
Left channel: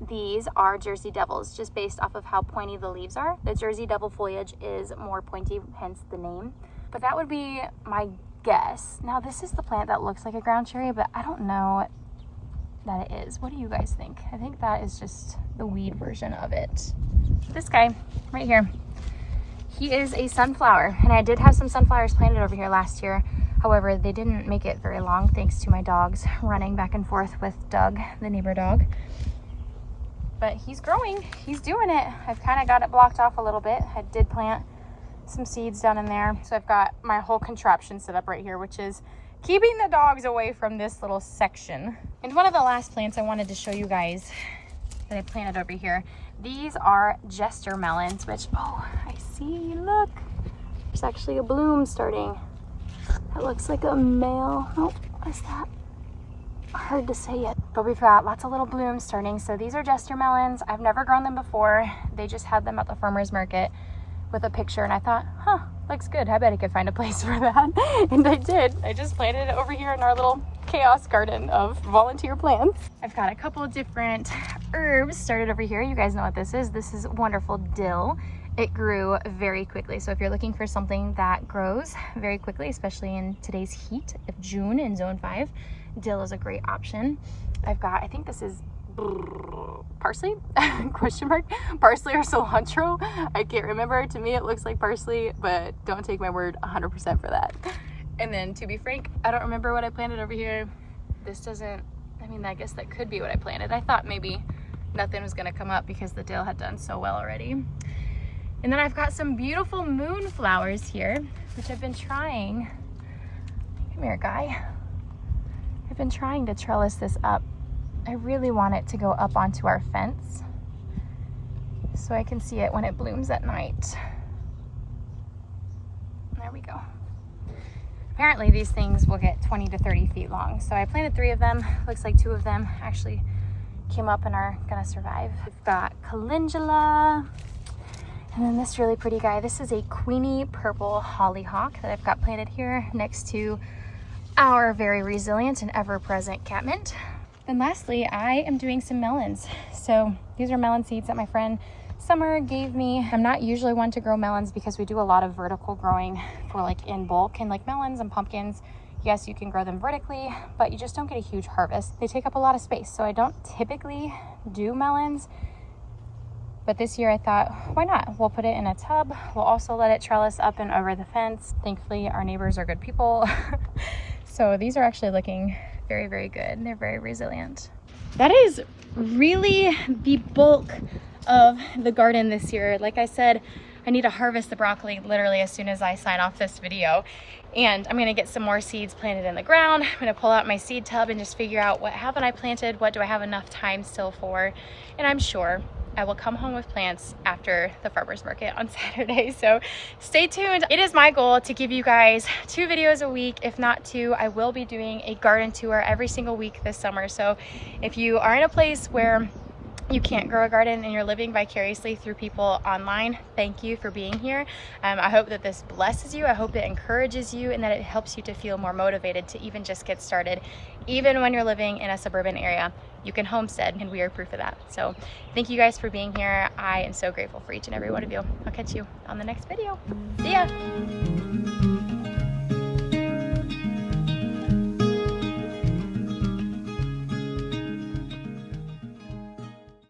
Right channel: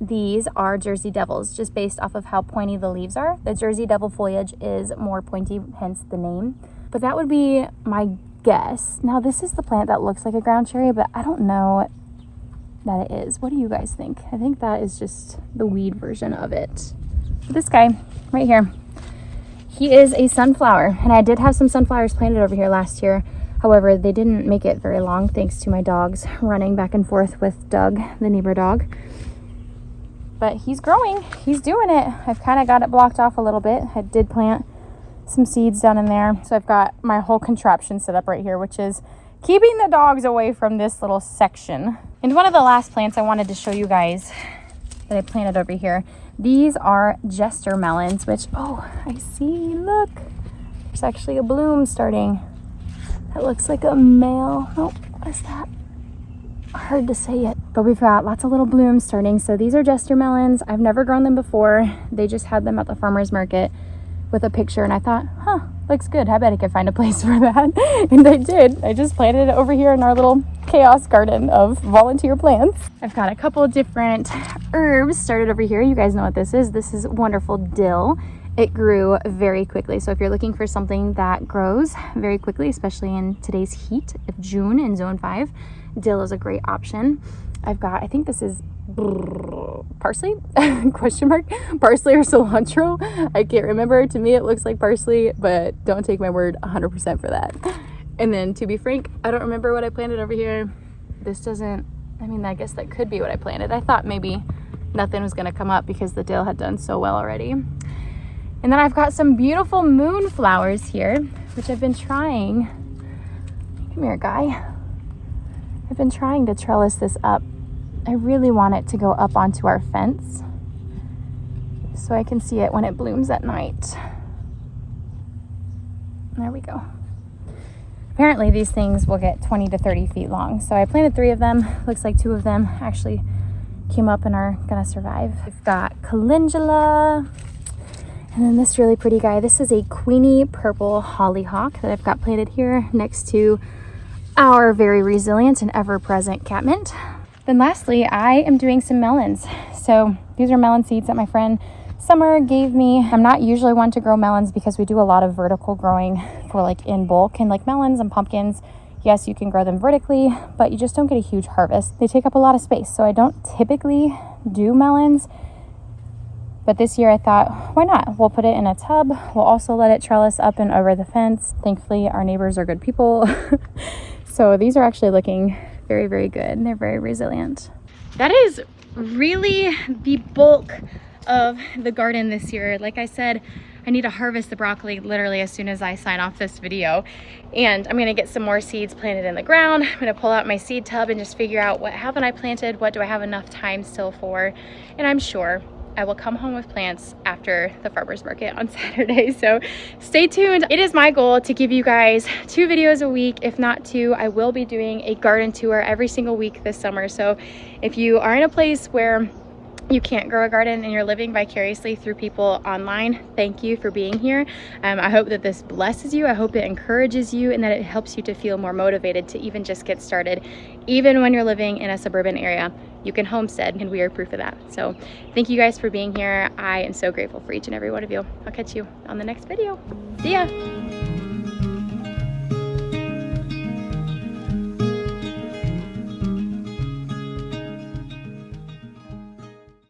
these are Jersey Devils, just based off of how pointy the leaves are. The Jersey Devil foliage is more pointy, hence the name. But that would be my guess. Now this is the plant that looks like a ground cherry, but I don't know that it is. What do you guys think? I think that is just the weed version of it. This guy right here, he is a sunflower, and I did have some sunflowers planted over here last year. However, they didn't make it very long thanks to my dogs running back and forth with Doug, the neighbor dog. But he's growing, he's doing it. I've kind of got it blocked off a little bit. I did plant some seeds down in there. So I've got my whole contraption set up right here, which is keeping the dogs away from this little section. And one of the last plants I wanted to show you guys that I planted over here, these are jester melons, which, oh, I see, look, there's actually a bloom starting. It looks like a male. Oh, what's that? Hard to say it. But we've got lots of little blooms starting. So these are jester melons. I've never grown them before. They just had them at the farmer's market with a picture, and I thought, huh, looks good. I bet I could find a place for that. And I did. I just planted it over here in our little chaos garden of volunteer plants. I've got a couple of different herbs started over here. You guys know what this is. This is wonderful dill. It grew very quickly. So if you're looking for something that grows very quickly, especially in today's heat of June in zone 5, dill is a great option. I've got, I think this is parsley question mark, parsley or cilantro, I can't remember. To me it looks like parsley, but don't take my word 100% for that. And then, to be frank, I don't remember what I planted over here. This doesn't, I mean, I guess that could be what I planted. I thought maybe nothing was going to come up because the dill had done so well already. And then I've got some beautiful moonflowers here, which I've been trying, come here guy, I've been trying to trellis this up. I really want it to go up onto our fence so I can see it when it blooms at night. There we go. Apparently these things will get 20 to 30 feet long. So I planted 3 of them. Looks like 2 of them actually came up and are gonna survive. I've got calendula. And then this really pretty guy. This is a Queenie purple hollyhock that I've got planted here next to our very resilient and ever-present catmint. Then lastly, I am doing some melons. So these are melon seeds that my friend Summer gave me. I'm not usually one to grow melons because we do a lot of vertical growing for like in bulk, and like melons and pumpkins, yes, you can grow them vertically, but you just don't get a huge harvest. They take up a lot of space. So I don't typically do melons, but this year I thought, why not? We'll put it in a tub. We'll also let it trellis up and over the fence. Thankfully, our neighbors are good people. So these are actually looking very, very good. They're very resilient. That is really the bulk of the garden this year. Like I said, I need to harvest the broccoli literally as soon as I sign off this video. And I'm gonna get some more seeds planted in the ground. I'm gonna pull out my seed tub and just figure out what haven't I planted, what do I have enough time still for. And I'm sure I will come home with plants after the farmer's market on Saturday. So stay tuned. It is my goal to give you guys 2 videos a week, if not 2. I will be doing a garden tour every single week this summer. So if you are in a place where you can't grow a garden and you're living vicariously through people online, thank you for being here. I hope that this blesses you. I hope it encourages you and that it helps you to feel more motivated to even just get started. Even when you're living in a suburban area, you can homestead, and we are proof of that. So thank you guys for being here. I am so grateful for each and every one of you. I'll catch you on the next video. See ya.